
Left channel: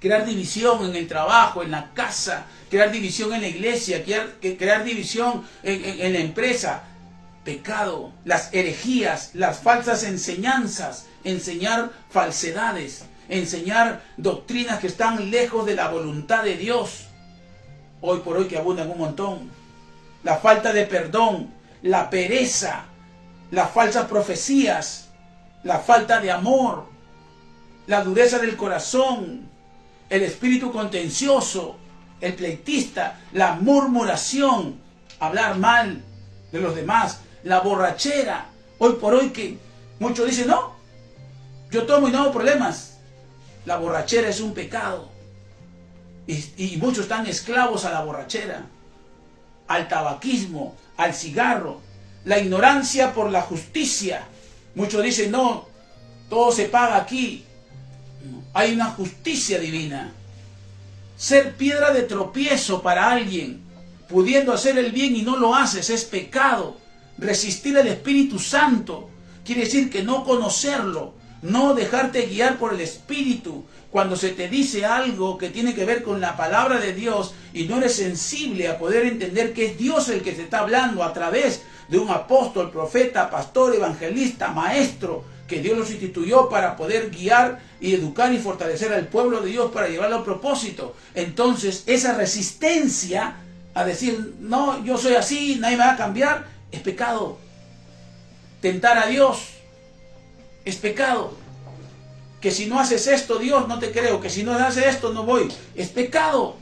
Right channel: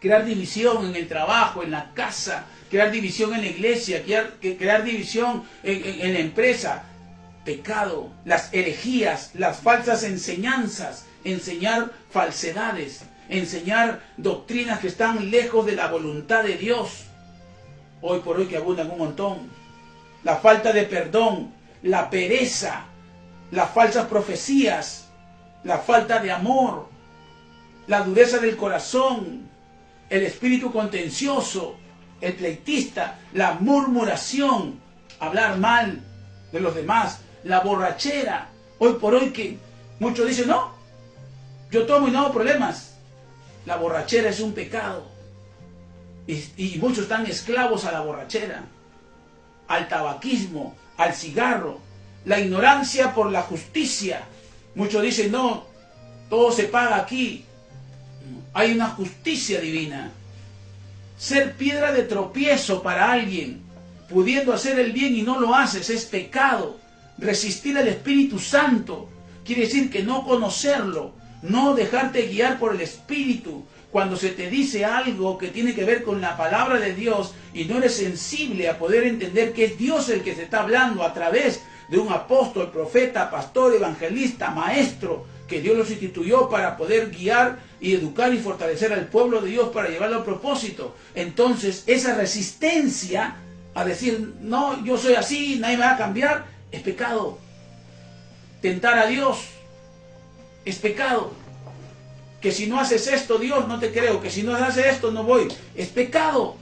crear división en el trabajo, en la casa, crear división en la iglesia, crear división en la empresa. Pecado, las herejías, las falsas enseñanzas, enseñar falsedades, enseñar doctrinas que están lejos de la voluntad de Dios. Hoy por hoy que abundan un montón. La falta de perdón, la pereza, las falsas profecías, la falta de amor, la dureza del corazón, el espíritu contencioso, el pleitista, la murmuración, hablar mal de los demás, la borrachera. Hoy por hoy que muchos dicen, no, yo tomo y no hago problemas. La borrachera es un pecado. Y muchos están esclavos a la borrachera, al tabaquismo, al cigarro, la ignorancia por la justicia. Muchos dicen, no, todo se paga aquí. Hay una justicia divina. Ser piedra de tropiezo para alguien, pudiendo hacer el bien y no lo haces, es pecado. Resistir al Espíritu Santo quiere decir que no conocerlo, no dejarte guiar por el Espíritu. Cuando se te dice algo que tiene que ver con la palabra de Dios y no eres sensible a poder entender que es Dios el que te está hablando a través de un apóstol, profeta, pastor, evangelista, maestro, que Dios los instituyó para poder guiar y educar y fortalecer al pueblo de Dios para llevarlo al propósito. Entonces, esa resistencia a decir, no, yo soy así, nadie me va a cambiar, es pecado. Tentar a Dios es pecado. Que si no haces esto, Dios, no te creo. Que si no haces esto, no voy. Es pecado.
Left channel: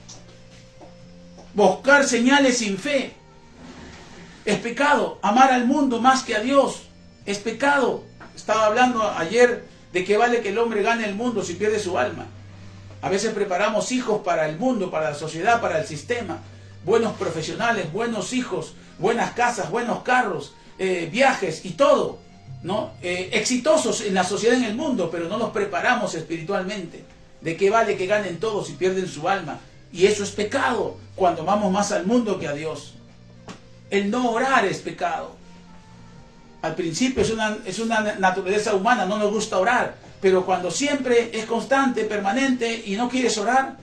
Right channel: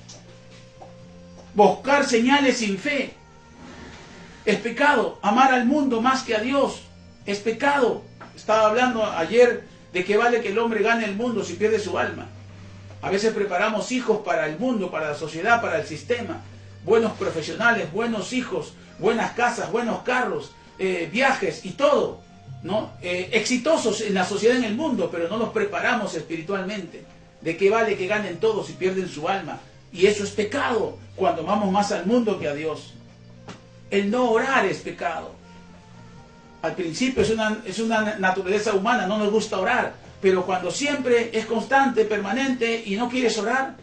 Buscar señales sin fe es pecado. Amar al mundo más que a Dios es pecado. Estaba hablando ayer de que vale que el hombre gane el mundo si pierde su alma. A veces preparamos hijos para el mundo, para la sociedad, para el sistema. Buenos profesionales, buenos hijos, buenas casas, buenos carros, viajes y todo, ¿no? Exitosos en la sociedad, en el mundo, pero no los preparamos espiritualmente. ¿De qué vale que ganen todos si pierden su alma? Y eso es pecado cuando amamos más al mundo que a Dios. El no orar es pecado. Al principio es una naturaleza humana, no nos gusta orar, pero cuando siempre es constante, permanente y no quieres orar,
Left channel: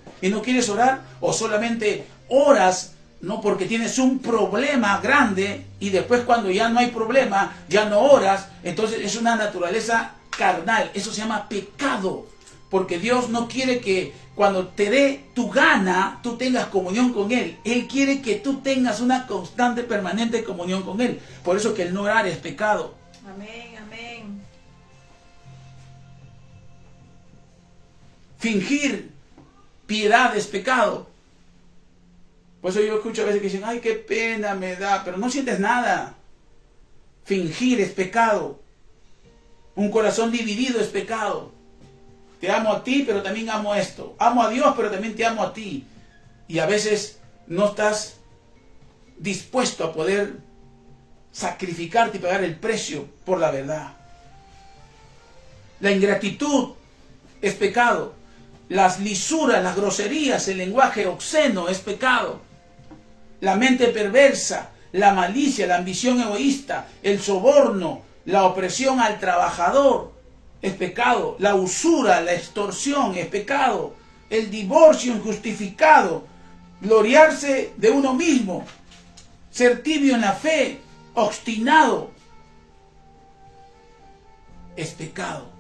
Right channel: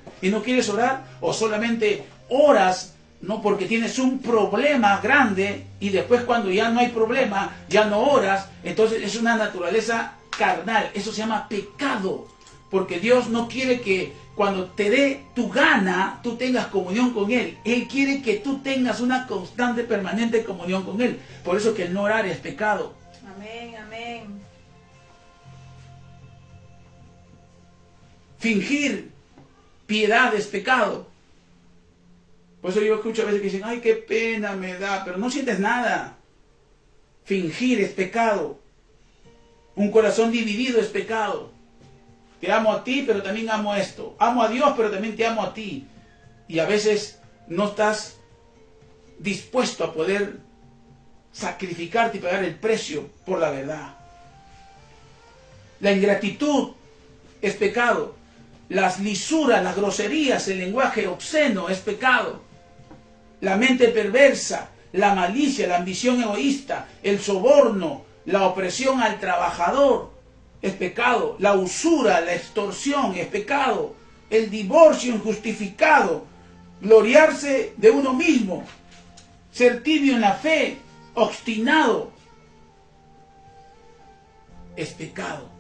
o solamente oras, no porque tienes un problema grande y después cuando ya no hay problema, ya no oras, entonces es una naturaleza carnal. Eso se llama pecado, porque Dios no quiere que cuando te dé tu gana, tú tengas comunión con Él. Él quiere que tú tengas una constante, permanente comunión con Él. Por eso que el no orar es pecado. Amén, amén. Fingir piedad es pecado. Por eso yo escucho a veces que dicen, ay, qué pena me da, pero no sientes nada. Fingir es pecado. Un corazón dividido es pecado. Te amo a ti, pero también amo esto. Amo a Dios, pero también te amo a ti. Y a veces no estás dispuesto a poder sacrificarte y pagar el precio por la verdad. La ingratitud es pecado. Las lisuras, las groserías, el lenguaje obsceno es pecado. La mente perversa, la malicia, la ambición egoísta, el soborno, la opresión al trabajador es pecado. La usura, la extorsión es pecado. El divorcio injustificado, gloriarse de uno mismo, ser tibio en la fe, obstinado, es pecado.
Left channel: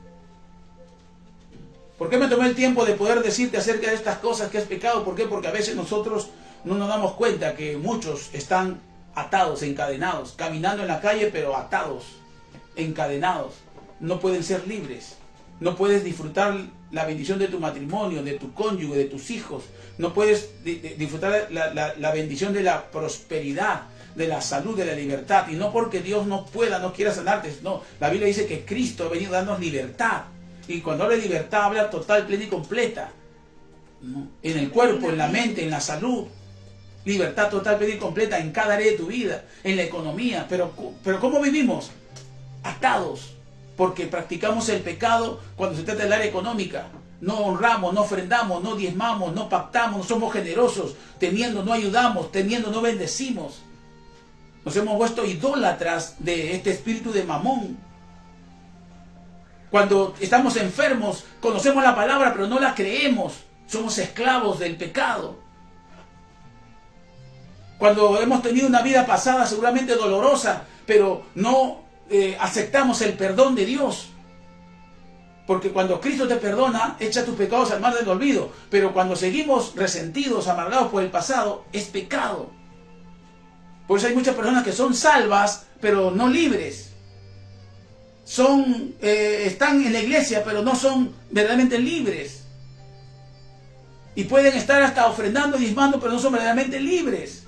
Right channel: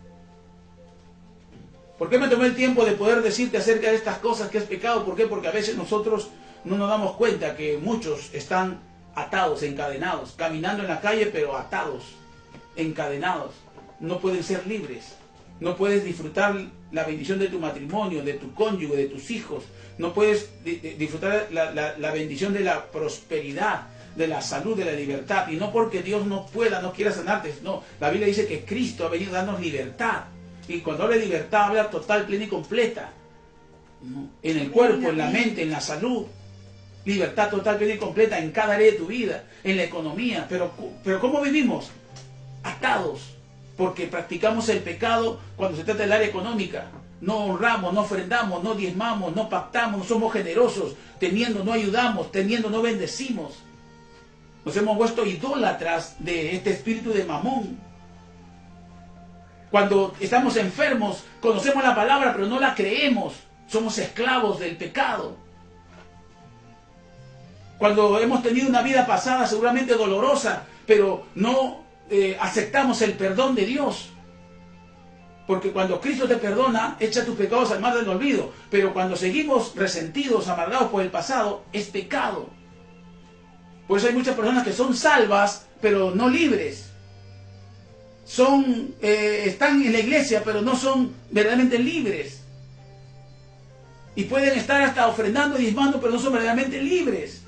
¿Por qué me tomé el tiempo de poder decirte acerca de estas cosas que es pecado? ¿Por qué? Porque a veces nosotros no nos damos cuenta que muchos están atados, encadenados, caminando en la calle, pero atados, encadenados. No pueden ser libres. No puedes disfrutar la bendición de tu matrimonio, de tu cónyuge, de tus hijos. No puedes disfrutar la bendición de la prosperidad, de la salud, de la libertad. Y no porque Dios no pueda, no quiera sanarte. No, la Biblia dice que Cristo ha venido a darnos libertad. Y cuando habla de libertad, habla total, plena y completa. ¿No? En el cuerpo, en la mente, en la salud. Libertad total, plena y completa en cada área de tu vida, en la economía. Pero ¿cómo vivimos? Atados. Porque practicamos el pecado cuando se trata del área económica. No honramos, no ofrendamos, no diezmamos, no pactamos, no somos generosos. Teniendo no ayudamos, teniendo no bendecimos. Nos hemos vuelto idólatras de este espíritu de Mamón. Cuando estamos enfermos, conocemos la palabra, pero no la creemos. Somos esclavos del pecado. Cuando hemos tenido una vida pasada seguramente dolorosa, pero no aceptamos el perdón de Dios. Porque cuando Cristo te perdona, echa tus pecados al mar del olvido. Pero cuando seguimos resentidos, amargados por el pasado, es pecado. Por eso hay muchas personas que son salvas, pero no libres. Están en la iglesia, pero no son verdaderamente libres. Y pueden estar hasta ofrendando y diezmando, pero no son verdaderamente libres.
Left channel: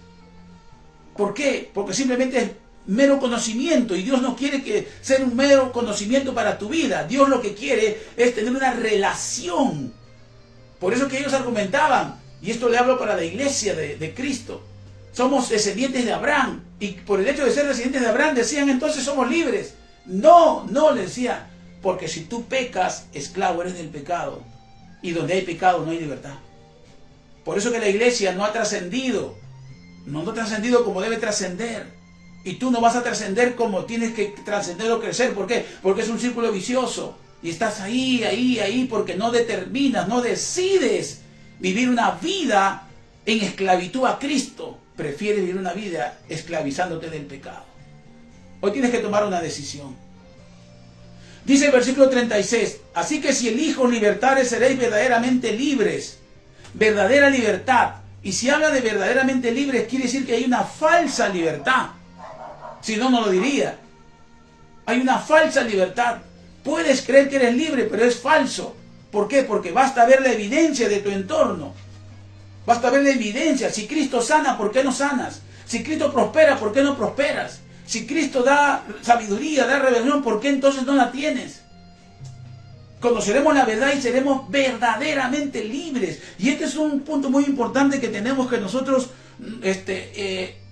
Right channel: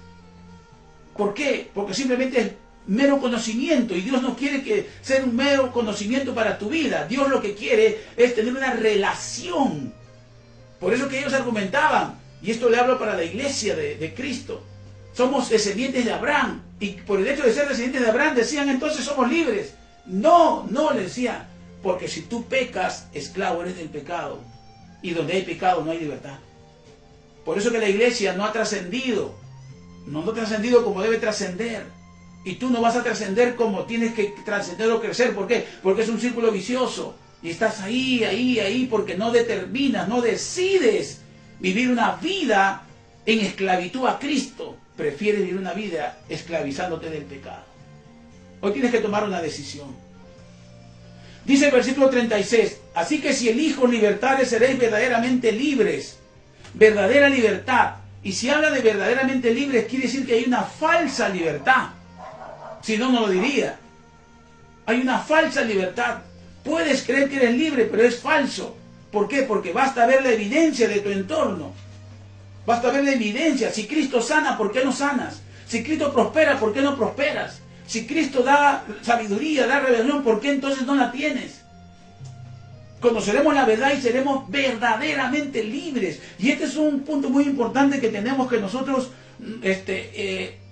¿Por qué? Porque simplemente es mero conocimiento, y Dios no quiere que sea un mero conocimiento para tu vida. Dios lo que quiere es tener una relación. Por eso que ellos argumentaban, y esto le hablo para la iglesia de Cristo, somos descendientes de Abraham, y por el hecho de ser descendientes de Abraham decían entonces somos libres. No, le decían, porque si tú pecas, esclavo eres del pecado, y donde hay pecado no hay libertad. Por eso que la iglesia no ha trascendido, no ha trascendido como debe trascender. Y tú no vas a trascender como tienes que trascender o crecer. ¿Por qué? Porque es un círculo vicioso. Y estás ahí, porque no determinas, no decides vivir una vida en esclavitud a Cristo. Prefieres vivir una vida esclavizándote del pecado. Hoy tienes que tomar una decisión. Dice el versículo 36, así que si el Hijo libertare, seréis verdaderamente libres. Verdadera libertad. Y si habla de verdaderamente libres, quiere decir que hay una falsa libertad. Si no, no lo diría. Hay una falsa libertad. Puedes creer que eres libre, pero es falso. ¿Por qué? Porque basta ver la evidencia de tu entorno. Basta ver la evidencia. Si Cristo sana, ¿por qué no sanas? Si Cristo prospera, ¿por qué no prosperas? Si Cristo da sabiduría, da revelación, ¿por qué entonces no la tienes? Conoceremos la verdad y seremos verdaderamente libres. Y este es un punto muy importante que tenemos que nosotros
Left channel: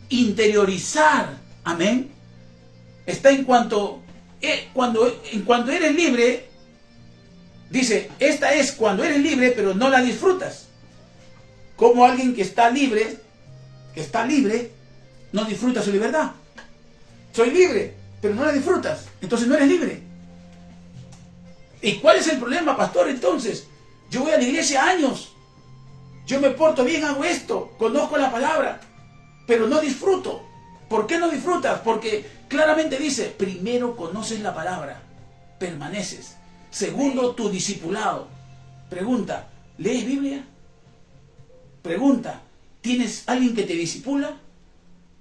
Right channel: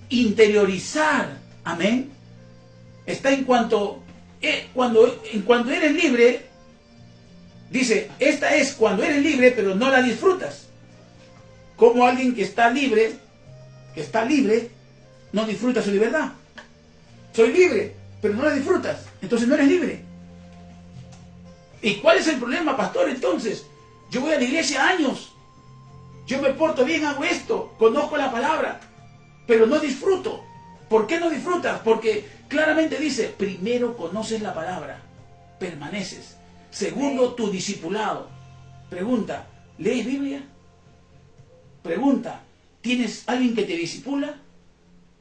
interiorizar. Amén. Está en cuanto eres libre, dice, esta es cuando eres libre, pero no la disfrutas. Como alguien que está libre, no disfruta su libertad. Soy libre, pero no la disfrutas. Entonces no eres libre. ¿Y cuál es el problema, pastor? Entonces, yo voy a la iglesia años. Yo me porto bien, hago esto, conozco la palabra, pero no disfruto. ¿Por qué no disfrutas? Porque claramente dice, primero conoces la palabra, permaneces. Segundo, tu discipulado. Pregunta, ¿lees Biblia? Pregunta, ¿tienes alguien que te discipula?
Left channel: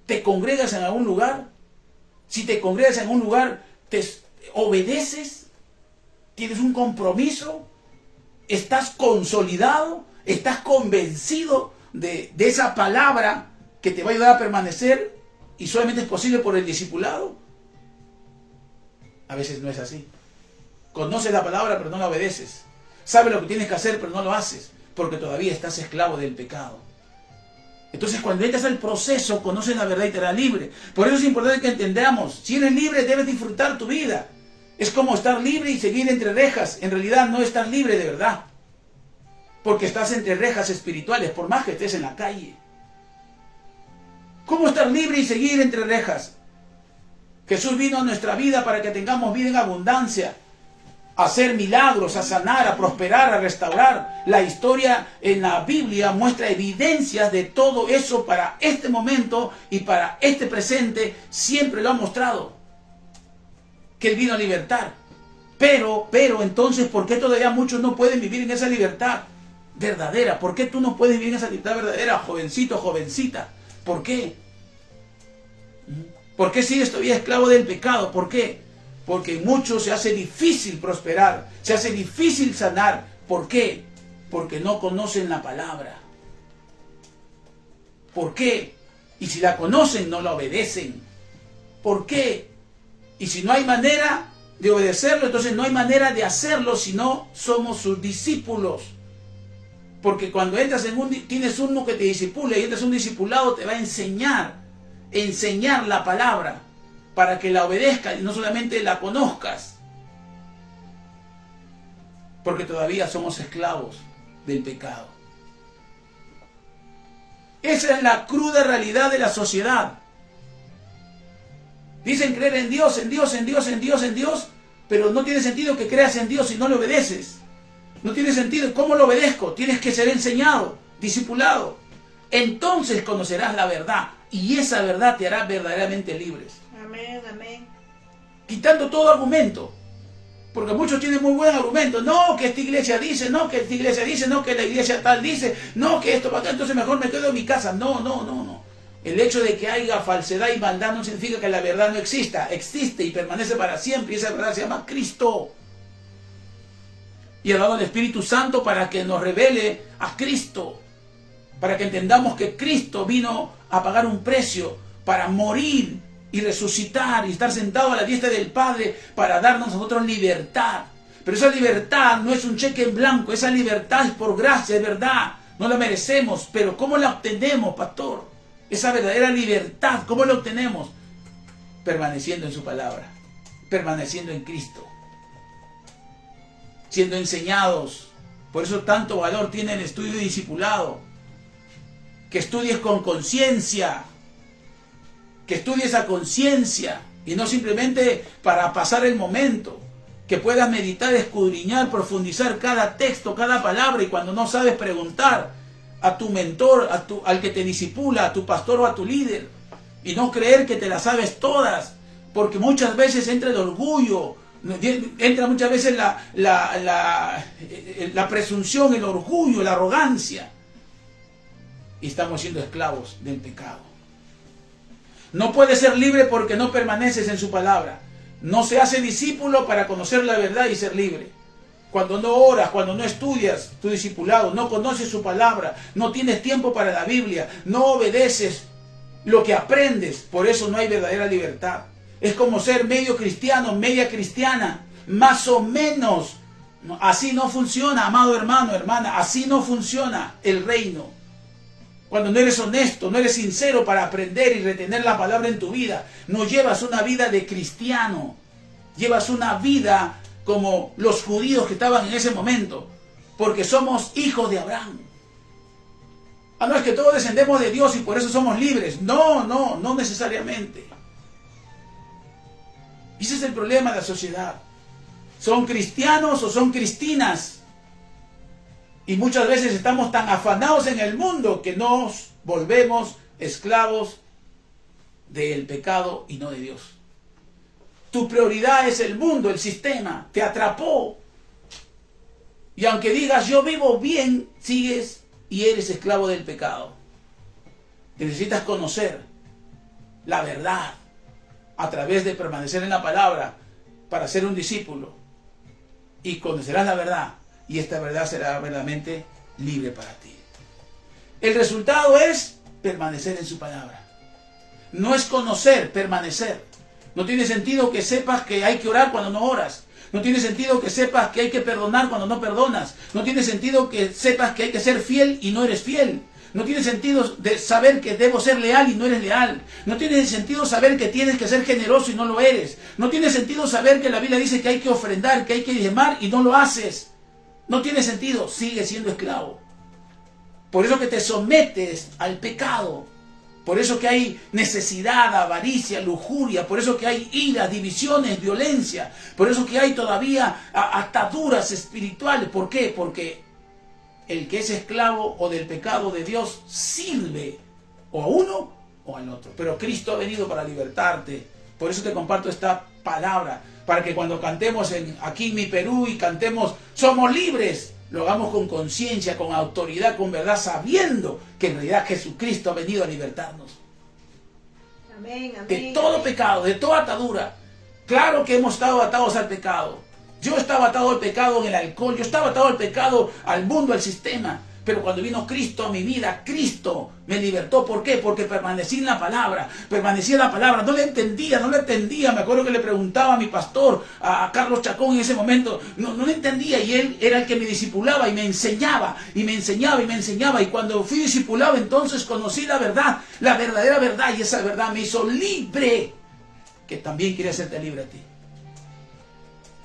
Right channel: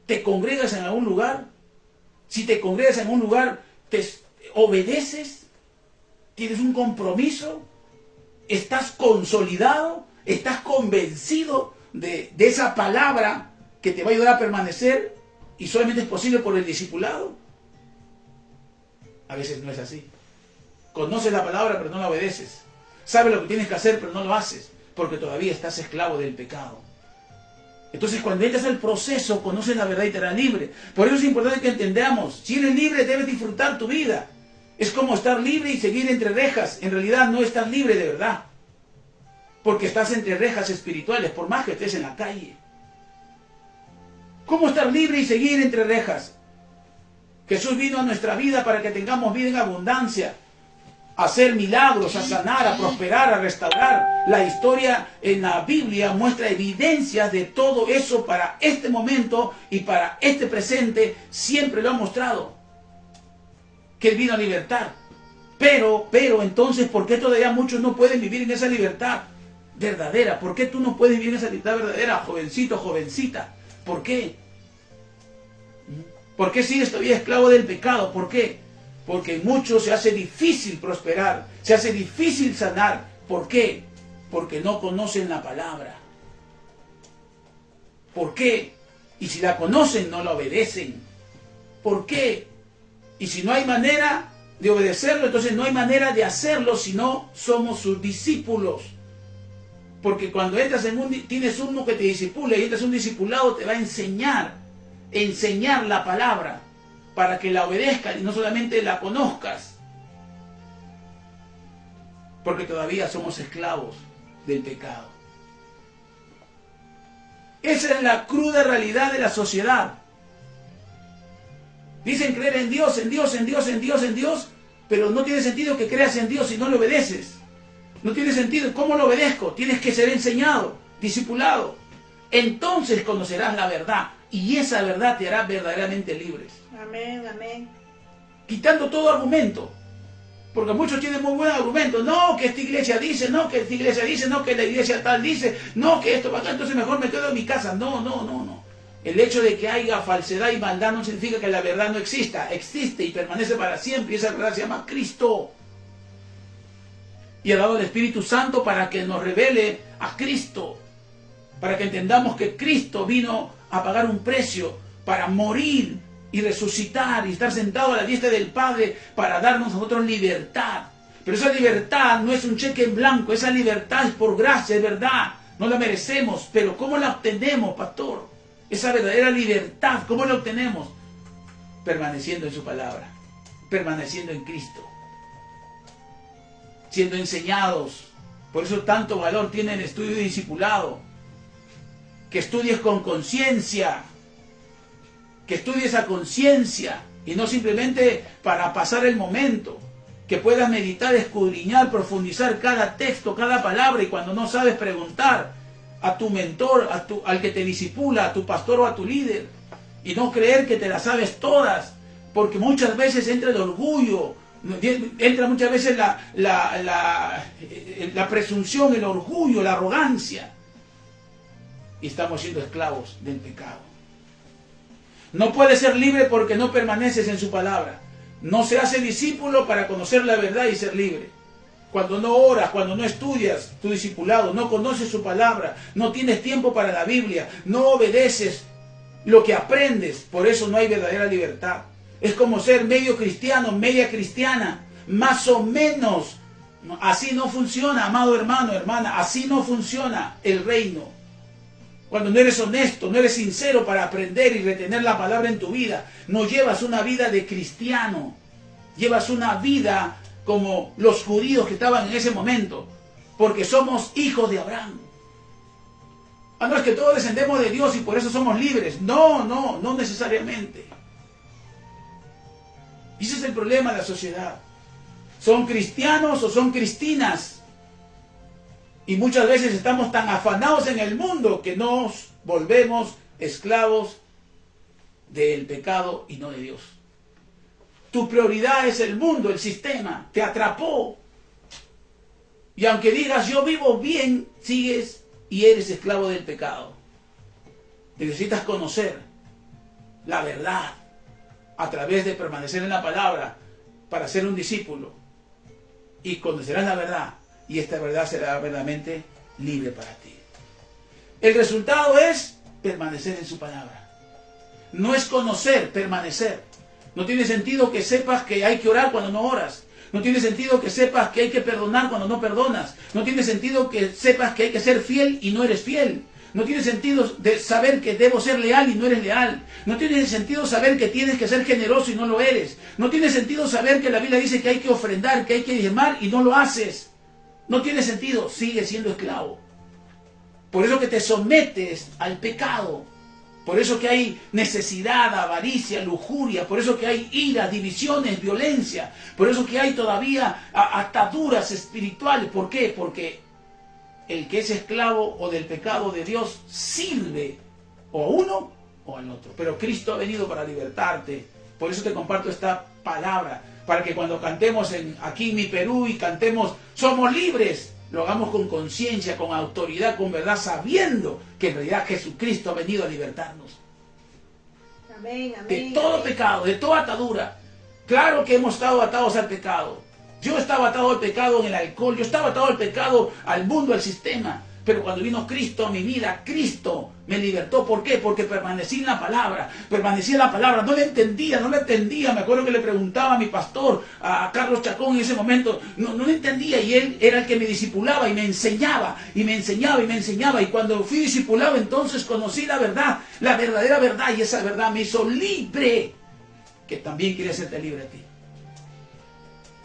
¿Te congregas en algún lugar? Si te congregas en algún lugar, ¿te obedeces? ¿Tienes un compromiso? ¿Estás consolidado? ¿Estás convencido de esa palabra que te va a ayudar a permanecer? ¿Y solamente es posible por el discipulado? A veces no es así. Conoces la palabra, pero no la obedeces. Sabes lo que tienes que hacer, pero no lo haces, porque todavía estás esclavo del pecado. Entonces, cuando entras al proceso, conoces la verdad y te harás libre. Por eso es importante que entendamos, si eres libre, debes disfrutar tu vida. Es como estar libre y seguir entre rejas. En realidad no estás libre de verdad, porque estás entre rejas espirituales, por más que estés en la calle. ¿Cómo estar libre y seguir entre rejas? Jesús vino a nuestra vida para que tengamos vida en abundancia, a hacer milagros, a sanar, a prosperar, a restaurar. La historia en la Biblia muestra evidencias de todo eso para este momento y para este presente. Siempre lo ha mostrado, que Él vino a libertar. Pero entonces, ¿por qué todavía muchos no pueden vivir en esa libertad? verdadera. ¿Por qué tú no puedes vivir esa libertad verdadera, jovencito, jovencita? ¿Por qué? ¿Por qué sigues todavía esclavo del pecado? ¿Por qué? Porque en muchos se hace difícil prosperar, se hace difícil sanar. ¿Por qué? Porque no conocen la palabra. ¿Por qué? Y si la conocen, no la obedecen. ¿Por qué? Y si no hay manera de obedecerlo, entonces no hay manera de hacerlo si no somos sus discípulos. Porque cuando entras tienes uno que te discipula y entras un discipulado, te va a enseñar la palabra para que la obedezcas y no solamente la conozcas. Porque todavía somos esclavos del pecado. Esa es la cruda realidad de la sociedad. Dicen creer en Dios, en Dios, en Dios, en Dios, en Dios, pero no tiene sentido que creas en Dios si no le obedeces. No tiene sentido. ¿Cómo lo obedezco? Tienes que ser enseñado, discipulado. Entonces conocerás la verdad y esa verdad te hará verdaderamente libres. Amén, amén. Quitando todo argumento. Porque muchos tienen muy buen argumento. No, que esta iglesia dice, no, que esta iglesia dice, no, que la iglesia tal dice, no, que esto va acá, entonces mejor me quedo en mi casa. No, no, no, no. El hecho de que haya falsedad y maldad no significa que la verdad no exista. Existe y permanece para siempre y esa verdad se llama Cristo. Y ha dado el Espíritu Santo para que nos revele a Cristo. Para que entendamos que Cristo vino a pagar un precio para morir y resucitar y estar sentado a la diestra del Padre para darnos a nosotros libertad. Pero esa libertad no es un cheque en blanco, esa libertad es por gracia, es verdad, no la merecemos. Pero ¿cómo la obtenemos, pastor? Esa verdadera libertad, ¿cómo la obtenemos? Permaneciendo en su palabra, permaneciendo en Cristo, siendo enseñados. Por eso tanto valor tiene el estudio y discipulado. Que estudies con conciencia, que estudies a conciencia y no simplemente para pasar el momento, que puedas meditar, escudriñar, profundizar cada texto, cada palabra y cuando no sabes preguntar a tu mentor, al que te discipula, a tu pastor o a tu líder y no creer que te las sabes todas, porque muchas veces entra el orgullo, entra muchas veces la presunción, el orgullo, la arrogancia y estamos siendo esclavos del pecado. No puedes ser libre porque no permaneces en su palabra. No se hace discípulo para conocer la verdad y ser libre. Cuando no oras, cuando no estudias tu discipulado, no conoces su palabra, no tienes tiempo para la Biblia, no obedeces lo que aprendes, por eso no hay verdadera libertad. Es como ser medio cristiano, media cristiana, más o menos. Así no funciona, amado hermano, hermana, así no funciona el reino. Cuando no eres honesto, no eres sincero para aprender y retener la palabra en tu vida, no llevas una vida de cristiano, llevas una vida como los judíos que estaban en ese momento, porque somos hijos de Abraham. Ah, no es que todos descendemos de Dios y por eso somos libres. No, no, no necesariamente. Ese es el problema de la sociedad. ¿Son cristianos o son cristinas? Y muchas veces estamos tan afanados en el mundo que nos volvemos esclavos del pecado y no de Dios. Tu prioridad es el mundo, el sistema, te atrapó. Y aunque digas yo vivo bien, sigues y eres esclavo del pecado. Necesitas conocer la verdad a través de permanecer en la palabra para ser un discípulo. Y conocerás la verdad. Y esta verdad será verdaderamente libre para ti. El resultado es permanecer en su palabra. No es conocer, permanecer. No tiene sentido que sepas que hay que orar cuando no oras. No tiene sentido que sepas que hay que perdonar cuando no perdonas. No tiene sentido que sepas que hay que ser fiel y no eres fiel. No tiene sentido de saber que debo ser leal y no eres leal. No tiene sentido saber que tienes que ser generoso y no lo eres. No tiene sentido saber que la Biblia dice que hay que ofrendar, que hay que diezmar y no lo haces. No tiene sentido, sigues siendo esclavo. Por eso que te sometes al pecado. Por eso que hay necesidad, avaricia, lujuria. Por eso que hay ira, divisiones, violencia. Por eso que hay todavía ataduras espirituales. ¿Por qué? Porque el que es esclavo o del pecado de Dios sirve o a uno o al otro. Pero Cristo ha venido para libertarte. Por eso te comparto esta palabra. para que cuando cantemos aquí en mi Perú y cantemos somos libres, lo hagamos con conciencia, con autoridad, con verdad, sabiendo que en realidad Jesucristo ha venido a libertarnos. Amén, amén, De todo amén. pecado, de toda atadura. Claro que hemos estado atados al pecado. Yo estaba atado al pecado en el alcohol, yo estaba atado al pecado, al mundo, al sistema. Pero cuando vino Cristo a mi vida, Cristo me libertó. ¿Por qué? Porque permanecí en la palabra. Permanecí en la palabra. No le entendía. Me acuerdo que le preguntaba a mi pastor, a Carlos Chacón en ese momento. No le entendía. Y él era el que me discipulaba y me enseñaba. Y me enseñaba y me enseñaba. Y cuando fui discipulado, entonces conocí la verdad. La verdadera verdad. Y esa verdad me hizo libre. Que también quiere hacerte libre a ti.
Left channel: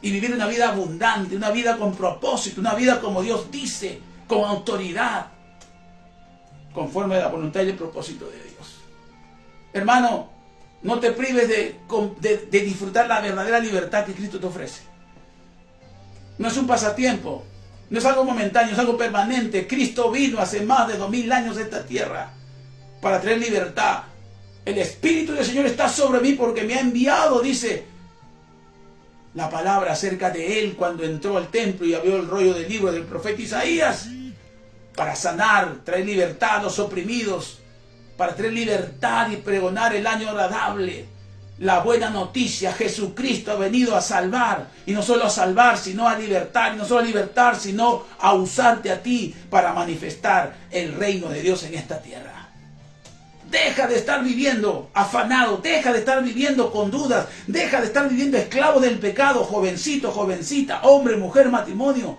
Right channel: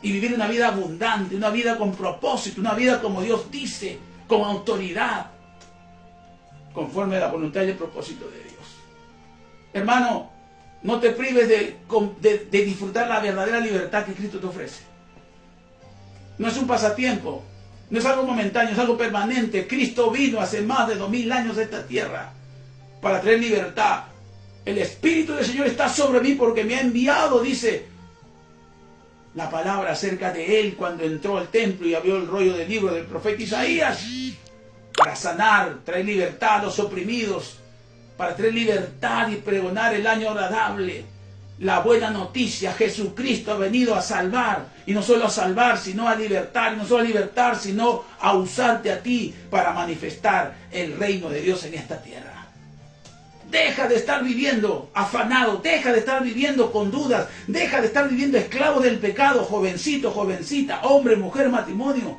Y vivir una vida abundante. Una vida con propósito. Una vida como Dios dice. Con autoridad, conforme a la voluntad y el propósito de Dios. Hermano, no te prives de disfrutar la verdadera libertad que Cristo te ofrece. No es un pasatiempo, no es algo momentáneo, es algo permanente. Cristo vino hace más de 2000 años a esta tierra para traer libertad. El Espíritu del Señor está sobre mí porque me ha enviado, dice la palabra acerca de Él cuando entró al templo y abrió el rollo del libro del profeta Isaías, para sanar, traer libertad a los oprimidos, para traer libertad y pregonar el año agradable, la buena noticia. Jesucristo ha venido a salvar, y no solo a salvar, sino a libertar, y no solo a libertar, sino a usarte a ti para manifestar el reino de Dios en esta tierra. Deja de estar viviendo afanado, deja de estar viviendo con dudas, deja de estar viviendo esclavo del pecado, jovencito, jovencita, hombre, mujer, matrimonio.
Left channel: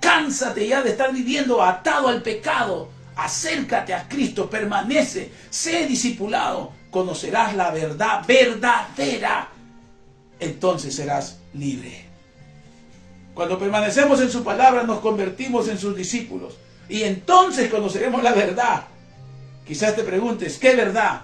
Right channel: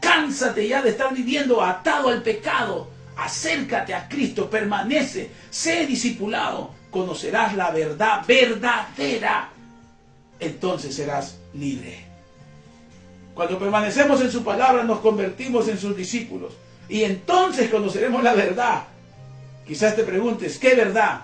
Cánsate ya de estar viviendo atado al pecado. Acércate a Cristo, permanece, sé discipulado, conocerás la verdad verdadera. Entonces serás libre. Cuando permanecemos en su palabra nos convertimos en sus discípulos y entonces conoceremos la verdad. Quizás te preguntes, ¿qué verdad?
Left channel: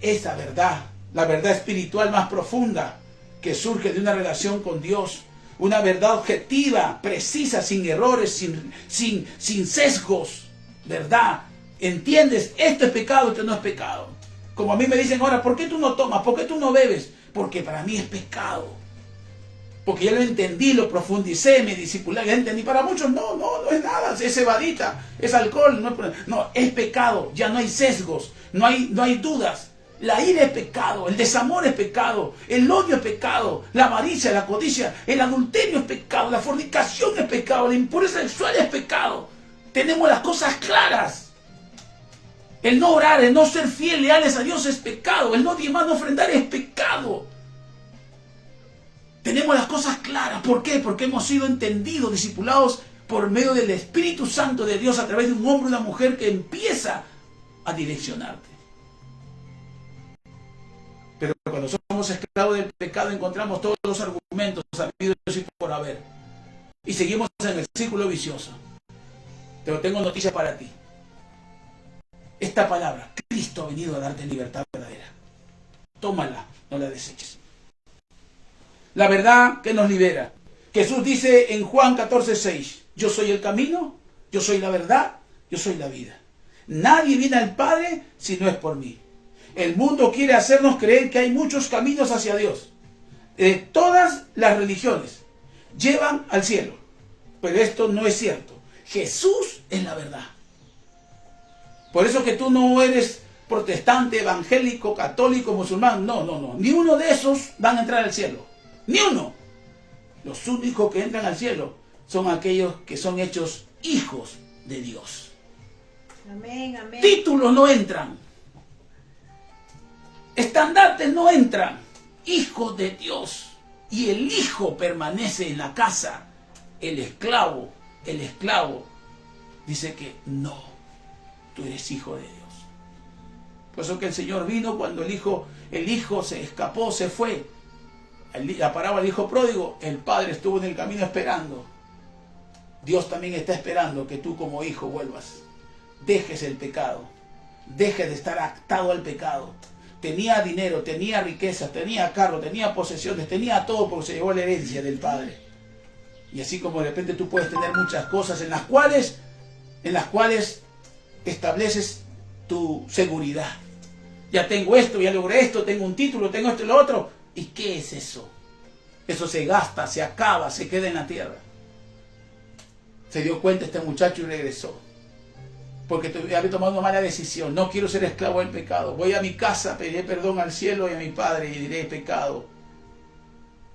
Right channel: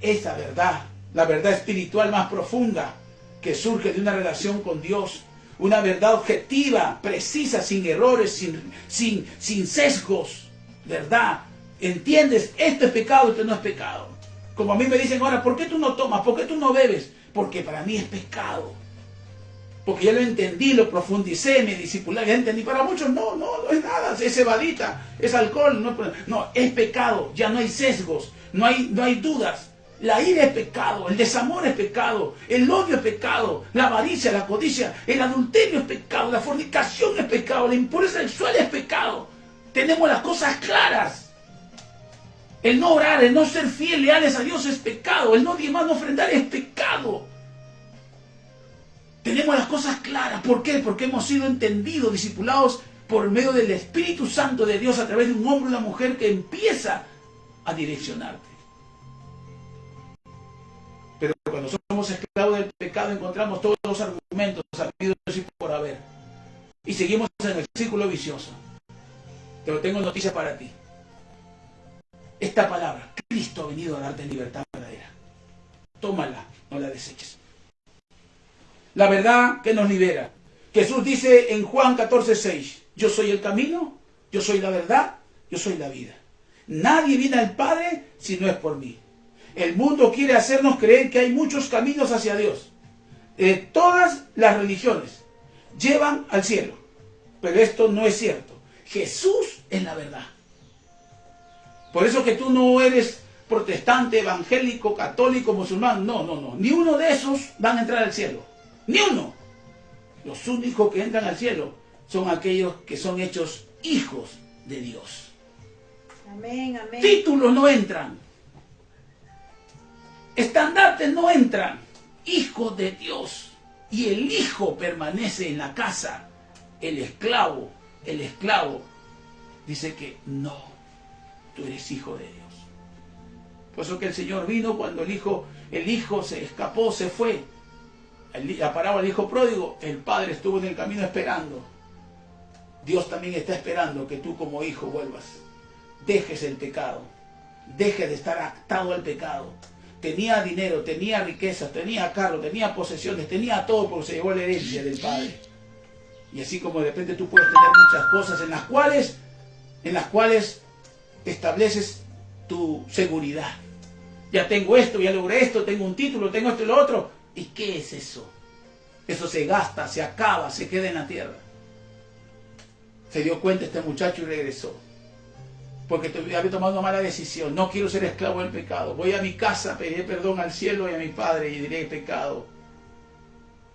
Esa verdad, la verdad espiritual más profunda que surge de una relación con Dios. Una verdad objetiva, precisa, sin errores, sin sesgos. ¿Verdad? ¿Entiendes? Esto es pecado, esto no es pecado. Como a mí me dicen ahora, ¿por qué tú no tomas? ¿Por qué tú no bebes? Porque para mí es pecado. Porque ya lo entendí, lo profundicé, me discipulé, ya entendí. Para muchos no es nada, es cebadita, es alcohol. No, es pecado, ya no hay sesgos, no hay dudas. La ira es pecado, el desamor es pecado, el odio es pecado, la avaricia, la codicia, el adulterio es pecado, la fornicación es pecado, la impureza sexual es pecado. Tenemos las cosas claras. El no orar, el no ser fiel, leales a Dios es pecado, el no diezmar, no ofrendar es pecado. Tenemos las cosas claras. ¿Por qué? Porque hemos sido entendidos, discipulados por medio del Espíritu Santo de Dios a través de un hombre y una mujer que empieza a direccionarte. Pero cuando somos esclavos del pecado encontramos todos los argumentos habidos y por haber. Y seguimos en el círculo vicioso. Pero tengo noticias para ti. Esta palabra, Cristo ha venido a darte libertad verdadera. Tómala, no la deseches. La verdad que nos libera. Jesús dice en Juan 14:6, yo soy el camino, yo soy la verdad, yo soy la vida. Nadie viene al Padre si no es por mí. El mundo quiere hacernos creer que hay muchos caminos hacia Dios. Todas las religiones llevan al cielo. Pero esto no es cierto. Jesús es la verdad. Por eso que tú no eres protestante, evangélico, católico, musulmán. No. Ni uno de esos van a entrar al cielo. Ni uno. Los únicos que entran al cielo son aquellos que son hechos hijos de Dios. Amén, amén. Títulos no entran. Estandartes no entran. Hijo de Dios. Y el hijo permanece en la casa. El esclavo dice que no, tú eres hijo de Dios. Por eso que el Señor vino cuando el hijo se escapó, se fue. La parábola del hijo pródigo, el padre estuvo en el camino esperando. Dios también está esperando que tú como hijo vuelvas. Dejes el pecado. Dejes de estar atado al pecado. Tenía dinero, tenía riquezas, tenía carro, tenía posesiones, tenía todo porque se llevó la herencia del padre. Y así como de repente tú puedes tener muchas cosas en las cuales estableces tu seguridad. Ya tengo esto, ya logré esto, tengo un título, tengo esto y lo otro. ¿Y qué es eso? Eso se gasta, se acaba, se queda en la tierra. Se dio cuenta este muchacho y regresó. Porque había tomado una mala decisión. No quiero ser esclavo del pecado. Voy a mi casa, pediré perdón al cielo y a mi Padre y diré: pecado.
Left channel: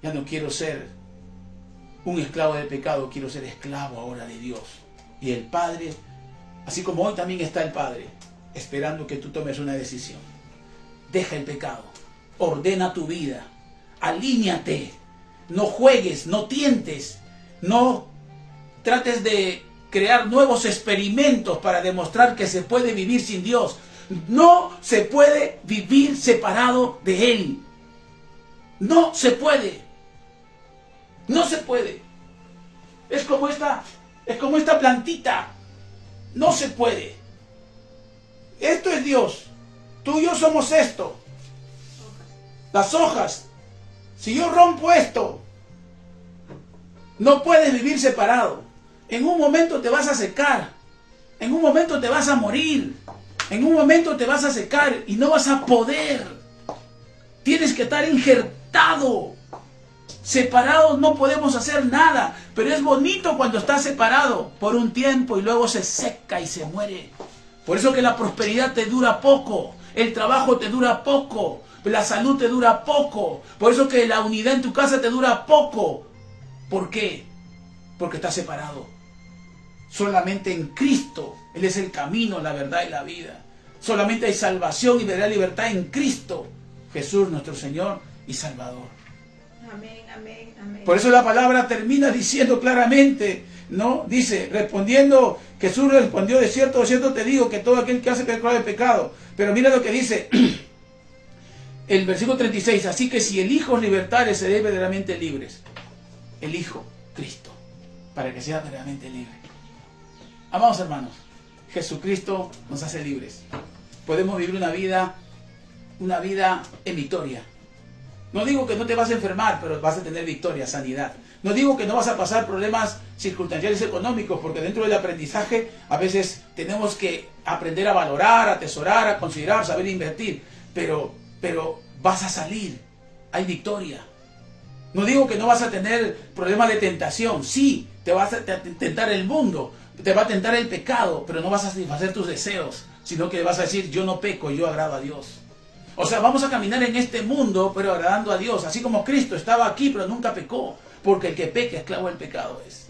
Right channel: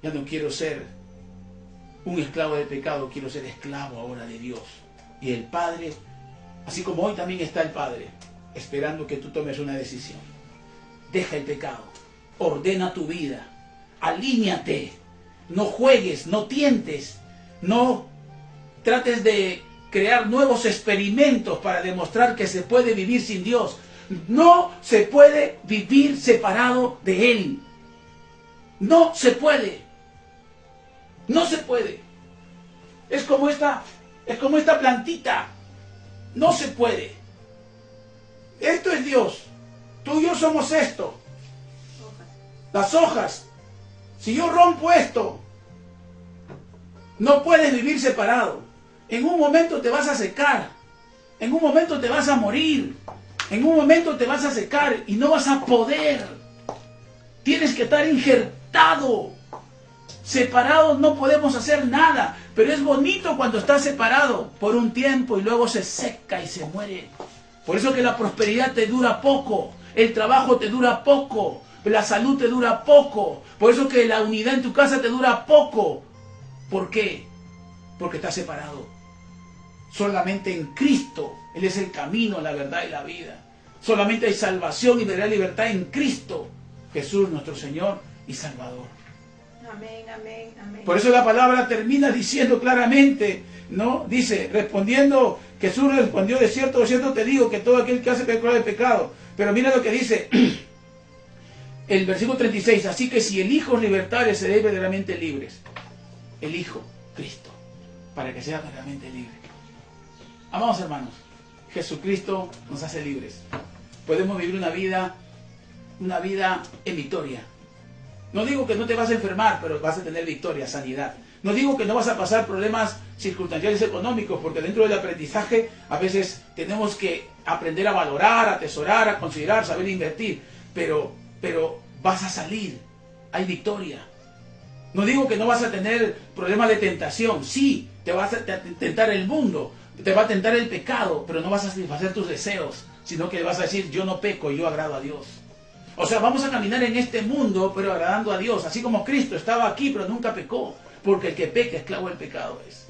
Ya no quiero ser un esclavo del pecado, quiero ser esclavo ahora de Dios. Y el Padre, así como hoy también está el Padre, esperando que tú tomes una decisión. Deja el pecado, ordena tu vida, alíñate, no juegues, no tientes, no trates de crear nuevos experimentos para demostrar que se puede vivir sin Dios. No se puede vivir separado de Él. No se puede. No se puede. Es como esta plantita. No se puede. Esto es Dios. Tú y yo somos esto. Las hojas. Si yo rompo esto, no puedes vivir separado. En un momento te vas a secar. En un momento te vas a morir. En un momento te vas a secar y no vas a poder. Tienes que estar injertado. Separados no podemos hacer nada. Pero es bonito cuando estás separado por un tiempo y luego se seca y se muere. Por eso que la prosperidad te dura poco. El trabajo te dura poco. La salud te dura poco. Por eso que la unidad en tu casa te dura poco. ¿Por qué? Porque estás separado. Solamente en Cristo. Él es el camino, la verdad y la vida. Solamente hay salvación y verdadera libertad en Cristo. Jesús, nuestro Señor y Salvador. Amén, amén, amén. Por eso la palabra termina diciendo claramente, ¿no? Dice, respondiendo, Jesús respondió: de cierto te digo que todo aquel que hace pecado es pecado. Pero mira lo que dice el versículo 36. Así que si el Hijo os libertare, seréis verdaderamente libres. El Hijo, Cristo, para que sea verdaderamente libre. Amados hermanos, Jesucristo nos hace libres. Podemos vivir una vida en victoria. No digo que no te vas a enfermar, pero vas a tener victoria, sanidad. No digo que no vas a pasar problemas circunstanciales económicos, porque dentro del aprendizaje a veces tenemos que aprender a valorar, a atesorar, a considerar, saber invertir. Pero vas a salir, hay victoria. No digo que no vas a tener problemas de tentación. Sí, te vas a tentar el mundo, te va a tentar el pecado, pero no vas a satisfacer tus deseos, sino que vas a decir: yo no peco, yo agrado a Dios. O sea, vamos a caminar en este mundo, pero agradando a Dios. Así como Cristo estaba aquí, pero nunca pecó. Porque el que peca, esclavo del pecado es.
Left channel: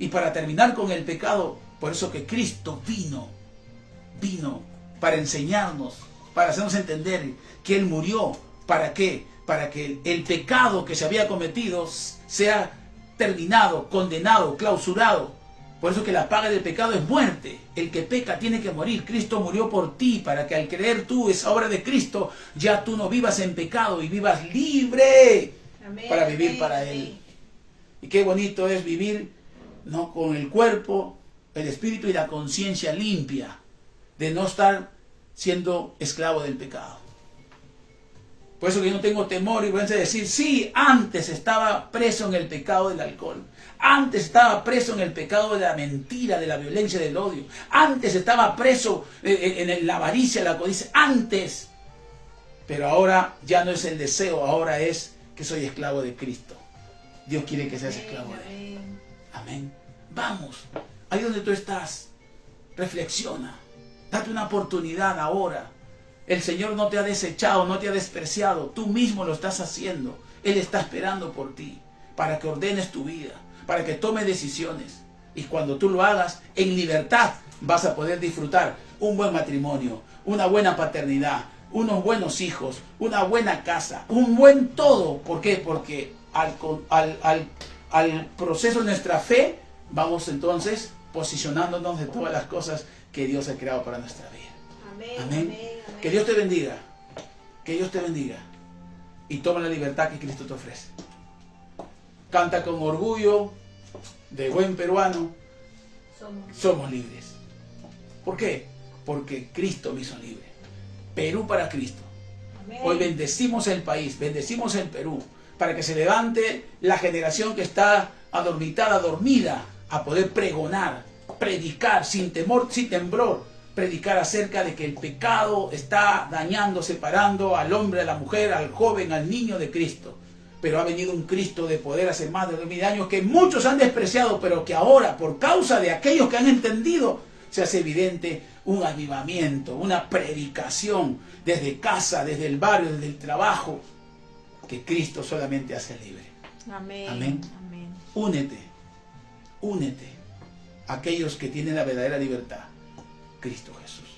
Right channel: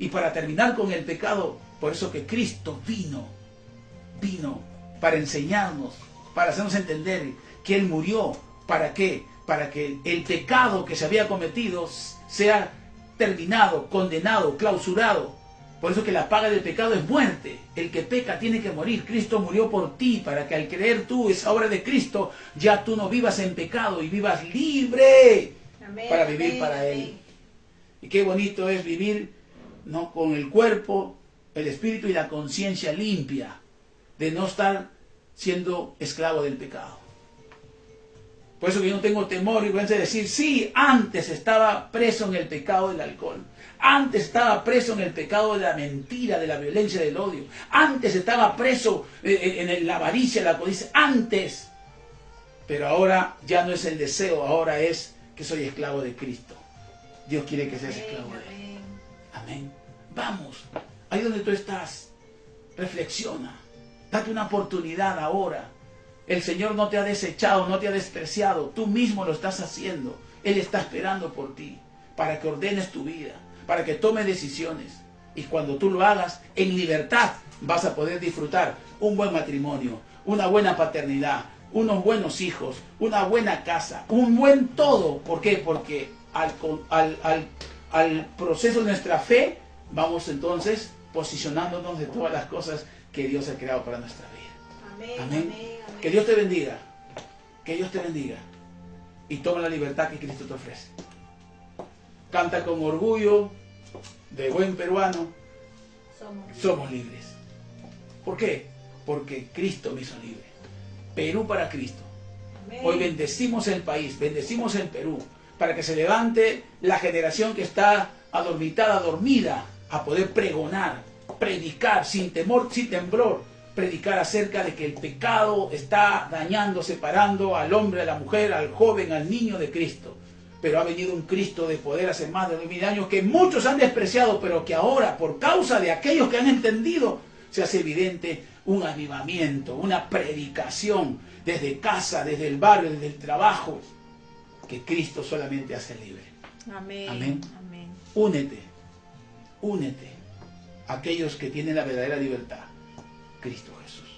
Y para terminar con el pecado, por eso que Cristo vino para enseñarnos, para hacernos entender que Él murió. ¿Para qué? Para que el pecado que se había cometido sea terminado, condenado, clausurado. Por eso que la paga del pecado es muerte. El que peca tiene que morir. Cristo murió por ti, para que al creer tú esa obra de Cristo, ya tú no vivas en pecado y vivas libre. Amén, para vivir para Él. Y qué bonito es vivir, ¿no?, con el cuerpo, el espíritu y la conciencia limpia, de no estar siendo esclavo del pecado. Por eso que yo no tengo temor y vergüenza de decir: sí, antes estaba preso en el pecado del alcohol. Antes estaba preso en el pecado de la mentira, de la violencia, del odio. Antes estaba preso en la avaricia, la codicia. Antes. Pero ahora ya no es el deseo, ahora es que soy esclavo de Cristo. Dios quiere que seas esclavo de Él. Amén. Vamos, ahí donde tú estás, reflexiona. Date una oportunidad ahora. El Señor no te ha desechado, no te ha despreciado. Tú mismo lo estás haciendo. Él está esperando por ti, para que ordenes tu vida, para que tomes decisiones. Y cuando tú lo hagas, en libertad vas a poder disfrutar un buen matrimonio, una buena paternidad, unos buenos hijos, una buena casa, un buen todo. ¿Por qué? Porque al proceso de nuestra fe, vamos entonces posicionándonos de todas las cosas que Dios ha creado para nuestra vida. Amén, Amén. amén, amén. Que Dios te bendiga. Que Dios te bendiga. Y toma la libertad que Cristo te ofrece. Canta con orgullo de buen peruano. Somos libres. ¿Por qué? Porque Cristo me hizo libre. Perú para Cristo. Amén. Hoy bendecimos el país, bendecimos el Perú, para que se levante la generación que está adormitada, dormida, a poder pregonar, predicar sin temor, sin temblor, predicar acerca de que el pecado está dañando, separando al hombre, a la mujer, al joven, al niño de Cristo. pero ha venido un Cristo de poder hace más de 2000 años que muchos han despreciado, pero que ahora, por causa de aquellos que han entendido, se hace evidente un avivamiento, una predicación desde casa, desde el barrio, desde el trabajo, que Cristo solamente hace libre. Amén. Amén. Amén. Únete a aquellos que tienen la verdadera libertad, Cristo Jesús.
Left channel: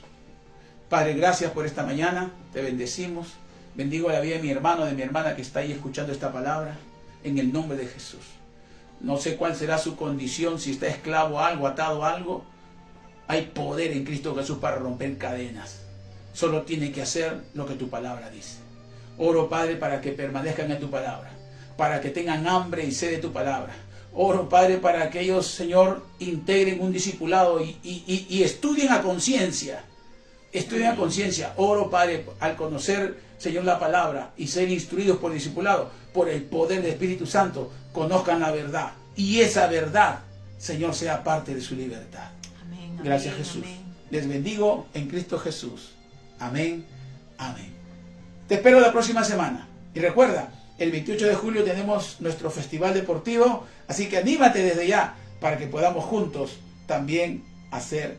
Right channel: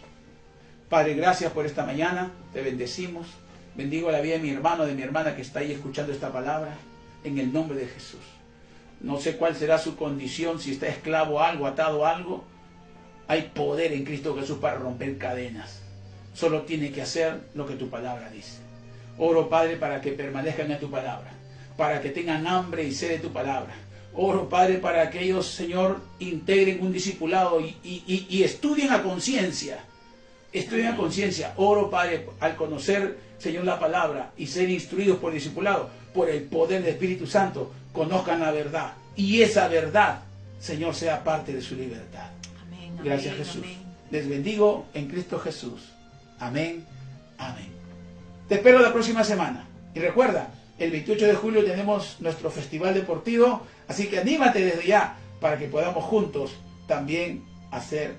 Padre, gracias por esta mañana, te bendecimos. Bendigo la vida de mi hermano, de mi hermana que está ahí escuchando esta palabra, en el nombre de Jesús. No sé cuál será su condición, si está esclavo a algo, atado a algo. Hay poder en Cristo Jesús para romper cadenas. Solo tiene que hacer lo que tu palabra dice. Oro, Padre, para que permanezcan en tu palabra, para que tengan hambre y sed de tu palabra. Oro, Padre, para que ellos, Señor, integren un discipulado y estudien a conciencia. Estudien a conciencia. Oro, Padre, al conocer, Señor, la palabra y ser instruidos por el discipulado, por el poder del Espíritu Santo, conozcan la verdad. Y esa verdad, Señor, sea parte de su libertad. Amén. Gracias, Amén, Jesús. amén. Les bendigo en Cristo Jesús. Amén. Amén. Te espero la próxima semana. Y recuerda, el 28 de julio tenemos nuestro festival deportivo, así que anímate desde ya para que podamos juntos también hacer